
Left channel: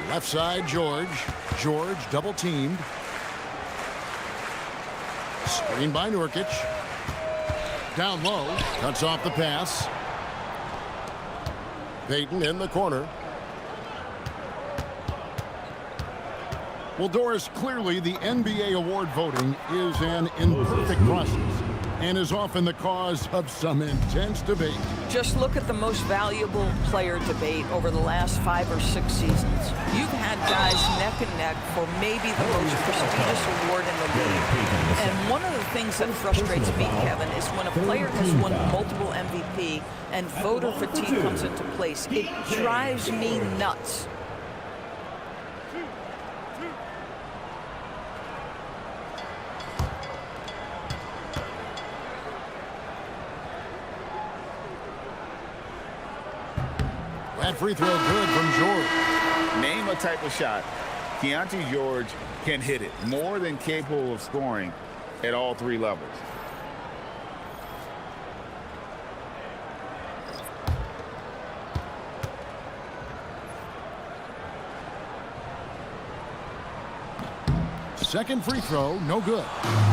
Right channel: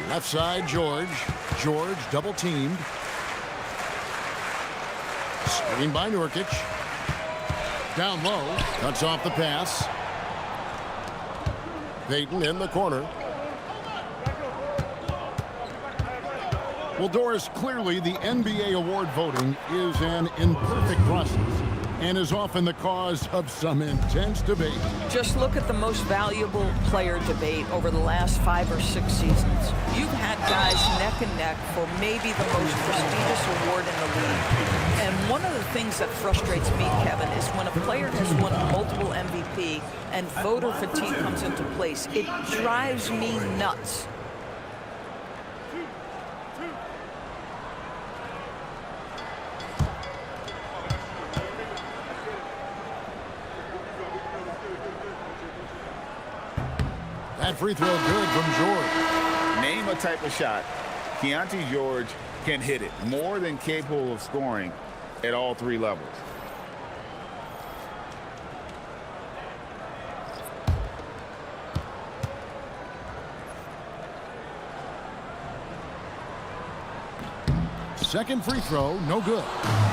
Left side, George. George double teamed. Screen by Nurkic. Down low. Cuts off the pass. Payton in the corner. Well, Doris, clearly the NBA award voting is an imperfect process and is often the cause of some intense debate. Just look at the most valuable player debate over the last 5 or 6 seasons. You've had guys neck and neck for maybe the most prestigious award in the league. And one of the things that frustrates me, Kevin, is when a player has won multiple MVP and voter fatigue comes into place. It drives me nuts. That free throw good from George. Name a type of shot Keontae George can hit it, more than capable of scoring at all 3 levels. Second free throw, no good.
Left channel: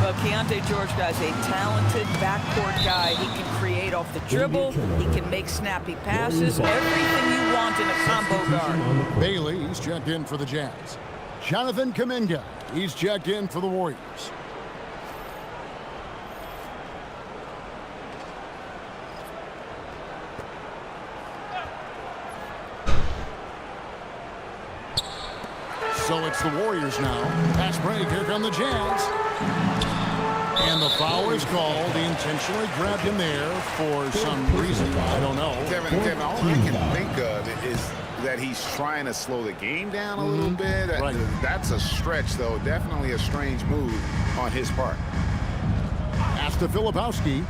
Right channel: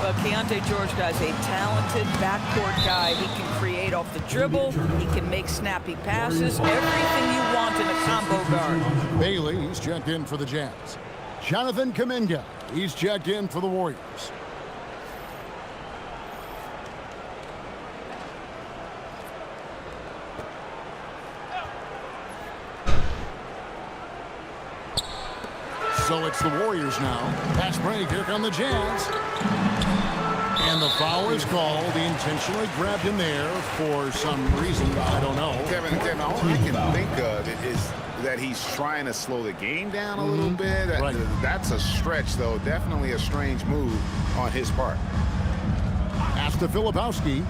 Well, Keontae George, guys, a talented backcourt guy. He can create off the dribble. He can make snappy passes. Everything you want in a combo guard. Bailey, he's checked in for the Jazz. Jonathan Kuminga, he's checked in for the Warriors. So it's the Warriors now. Pass break, here come the Jazz. And the foul is called. He intentionally grabbed him there for some reason, I don't know. Kevin, all I can think of is that he's trying to slow the game down a little bit. Right. That's a stretch, though. Definitely a strange move on his part. Pass to Filipowski.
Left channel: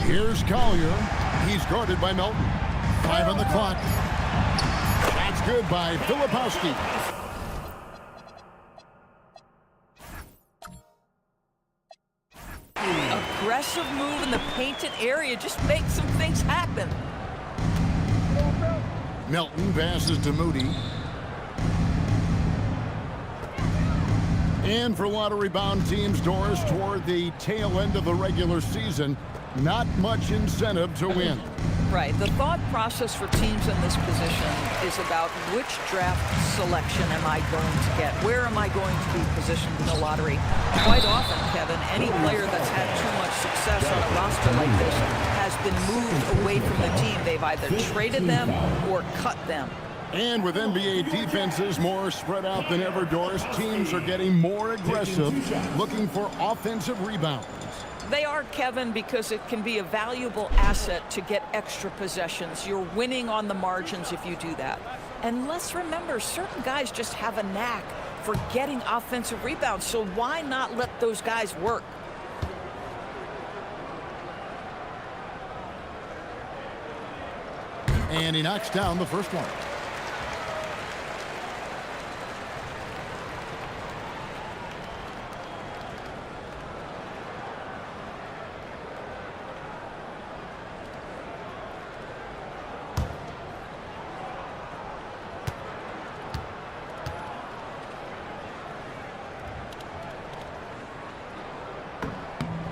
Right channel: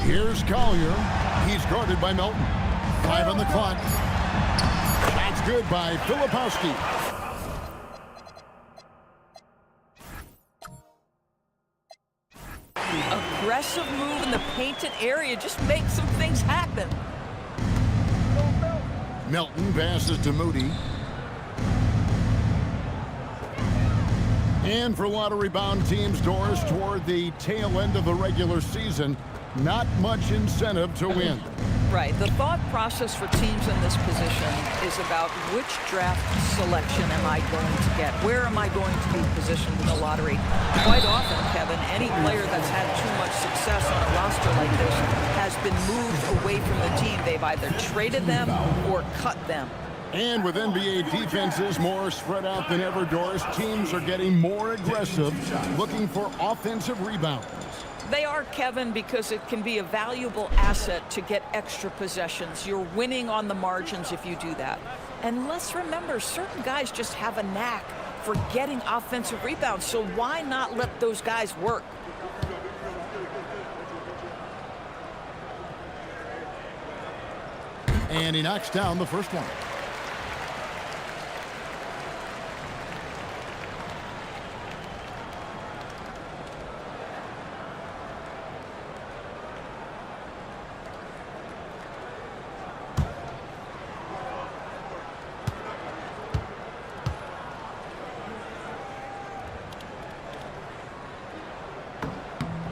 Here's Collier. He's guarded by Melton. 5 on the clock. Shot's good by Filipowski. Aggressive move in the painted area. Just make some things happen. Melton passes to Moody. And for a lot of rebound teams, Doris, toward the tail end of the regular season, not much incentive to win. Right. The thought process for teams in this position is about which draft selection am I going to get? Where am I going to be positioned in the lottery? Quite often, Kevin, any player that's had too much success on a roster like this has been moved away from the team. They've either traded them or cut them. And with NBA defenses more spread out than ever, Doris, teams are getting more aggressive, looking for offensive rebounds. They are, Kevin, because it can be a valuable asset to get extra possessions. You're winning on the margins if you do that. And let's remember, certain guys just have a knack for getting offensive rebounds, so why not let those guys work? And he knocks down the first one.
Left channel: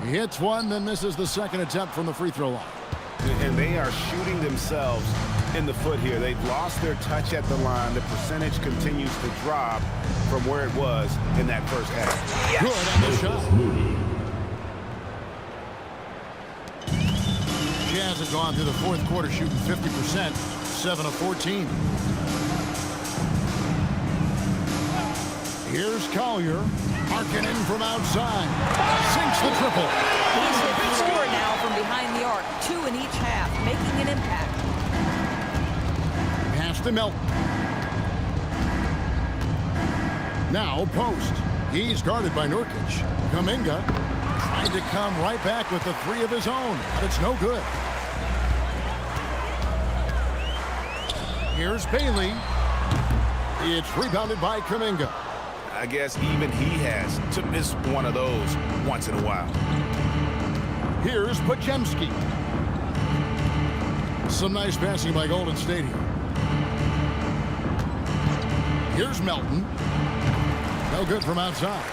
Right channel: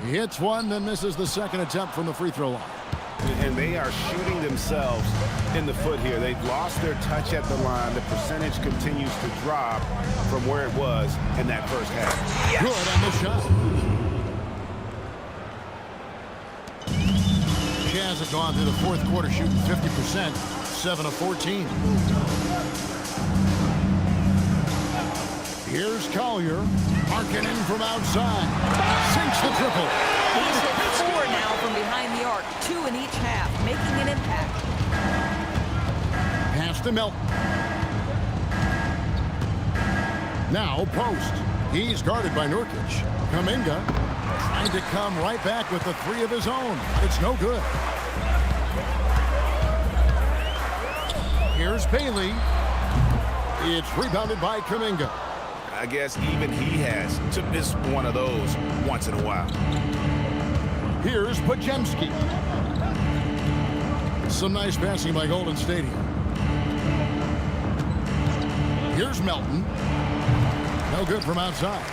He hits one, then misses the second attempt from the free throw line. And they are shooting themselves in the foot here. They've lost their touch at the line. The percentage continues to drop from where it was in that first half. Yes. Good on the shot. Jazz have gone through the fourth quarter shooting 50%, 7 of 14. Here's Collier. Harkinen from outside. Sinks the triple. He's hit 4 now from behind the arc, 2 in each half, making an impact. Pass to Melton. Now post. He's guarded by Nurkic. Kuminga tried to come right back with the 3 of his own, but it's no good. Here's Bailey. It's rebounded by Kuminga. I guess even he has to miss one of those once in a while. Here's Podziemski. Some nice passing by Golden State here. Here's Melton. No good from outside.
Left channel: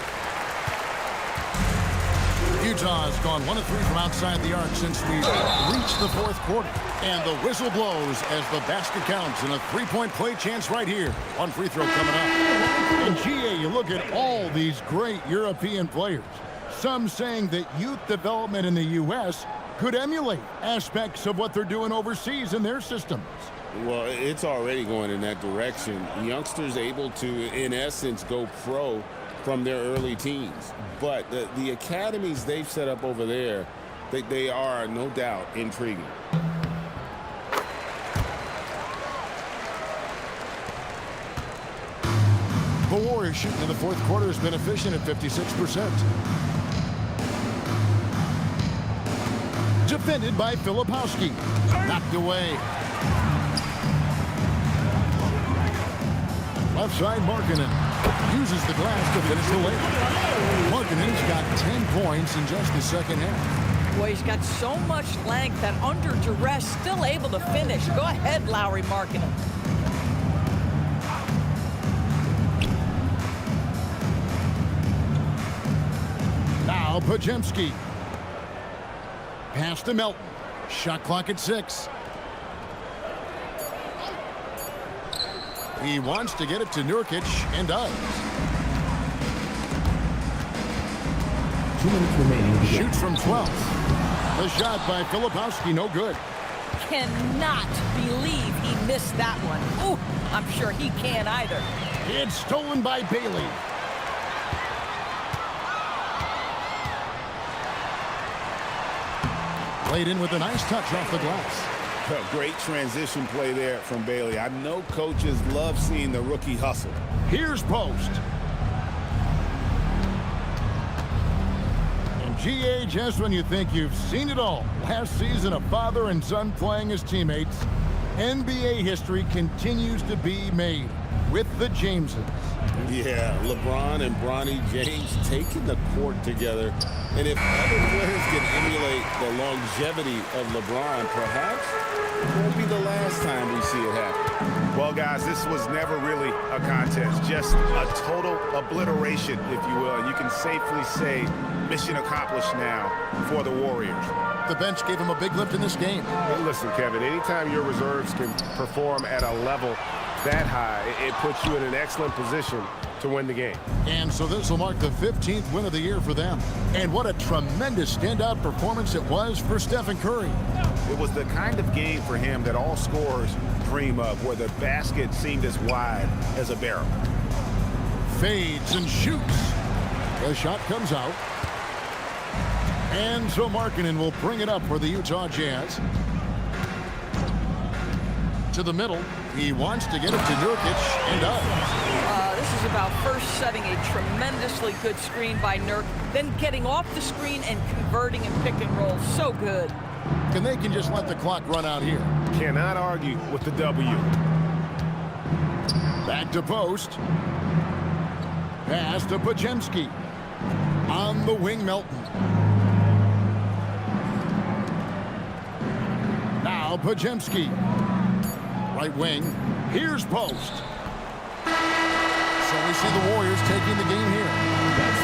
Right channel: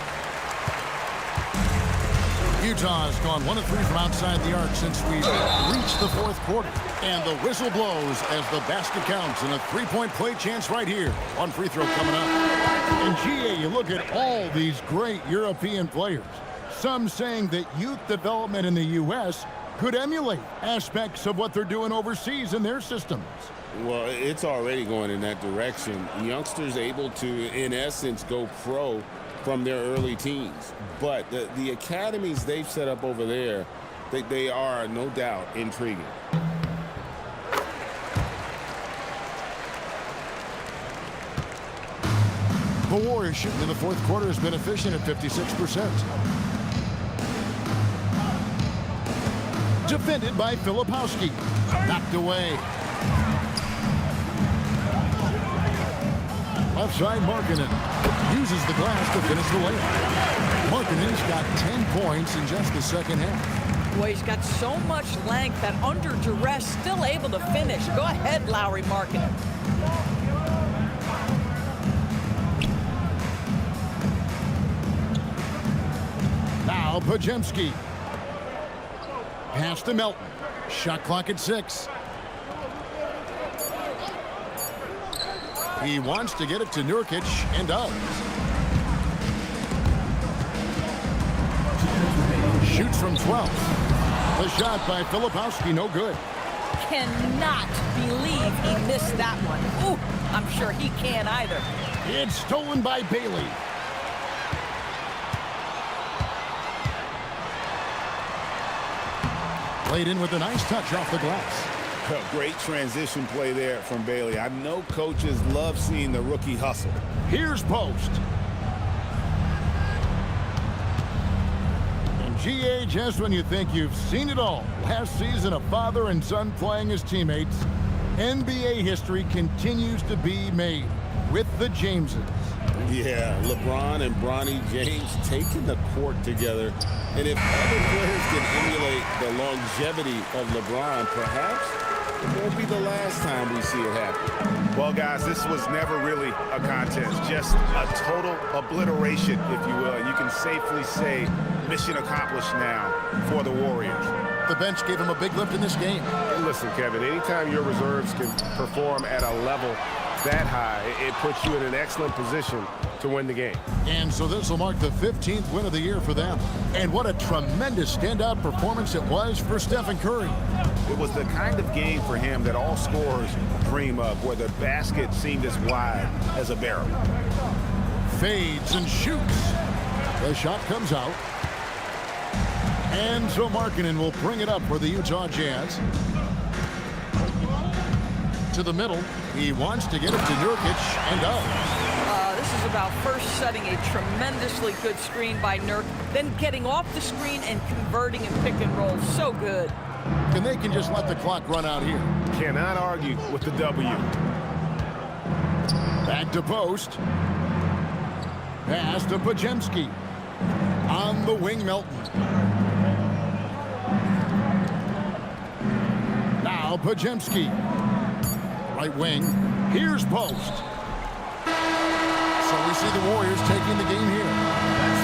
Utah has gone 1 of 3 from outside the arc since we reached the fourth quarter. And the whistle blows as the basket counts and a three-point play chance right here. One free throw coming up. And GA, you look at all these great European players. Some saying that youth development in the U.S. could emulate aspects of what they're doing overseas in their systems. Well, it's already going in that direction. Youngsters able to, in essence, go pro from their early teens. But the academies they've set up over there, they are, no doubt, intriguing. The Warriors shooting in the fourth quarter has been efficient at 56%. Defended by Filipowski. Knocked away. Left side, Markkanen uses the glass to finish the layup. Markkanen's got 10 points in just the second half. Boy, he's got so much length that under duress, still able to finish. Go ahead, Lauri Markkanen. Now Podziemski. Pass to Melton. Shot clock at 6. He wants to get it to Nurkic and does. 2 minutes remaining. Shoots from 12. The shot by Filipowski, no good. Cannot believe he missed that one. Ooh, I'm sure he can't either. It's stolen by Bailey. Played in with a nice touch off the glass. Great transition play there from Bailey. I know coaches love seeing the rookie hustle. Here's Post. And GA, just when you think you've seen it all, last season a father and son playing as teammates, NBA history continues to be made with the Jameses. Yeah, LeBron and Bronny James taking the court together. And if other players can emulate the longevity of LeBron, perhaps it won't be the last time we see it happen. Well, guys, this was never really a contest, just a total obliteration, if you will. And you can safely say mission accomplished now for the Warriors. The bench gave him a big lift in this game. Hey, listen, Kevin, anytime your reserves can perform at a level that high, it puts you in an excellent position to win the game. And so this will mark the 15th win of the year for them. And what a tremendous standout performance it was for Stephen Curry. It was the kind of game for him that all scorers dream of, where the basket seemed as wide as a barrel. Fades and shoots. The shot comes out. And so Markkanen will bring it up for the Utah Jazz. To the middle. He wants to get it to Nurkic and does. This is about first setting a tremendously good screen by Nurk, then getting off the screen and converting and pick and roll. So good. And they can just let the clock run out here. Cannot argue with the W. Back to Post. Pass to Podziemski. On the wing, Melton. Now Podziemski. Right wing. Here's Post. So we see the Warriors taking the game here.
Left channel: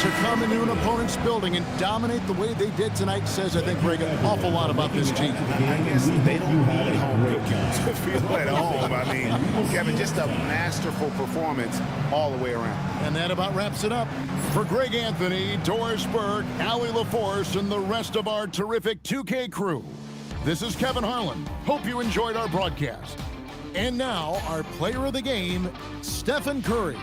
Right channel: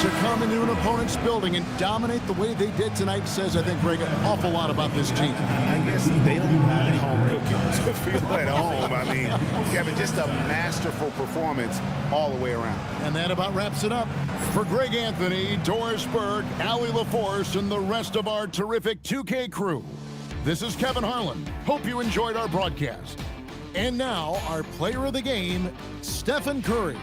To come into an opponent's building and dominate the way they did tonight says, I think, Greg, an awful lot about this team. I guess they don't need home cooking to feel at home. I mean, Kevin, just a masterful performance all the way around. And that about wraps it up. For Greg Anthony, Doris Burke, Allie LaForce, and the rest of our terrific 2K crew, this is Kevin Harlan. Hope you enjoyed our broadcast. And now, our player of the game, Stephen Curry.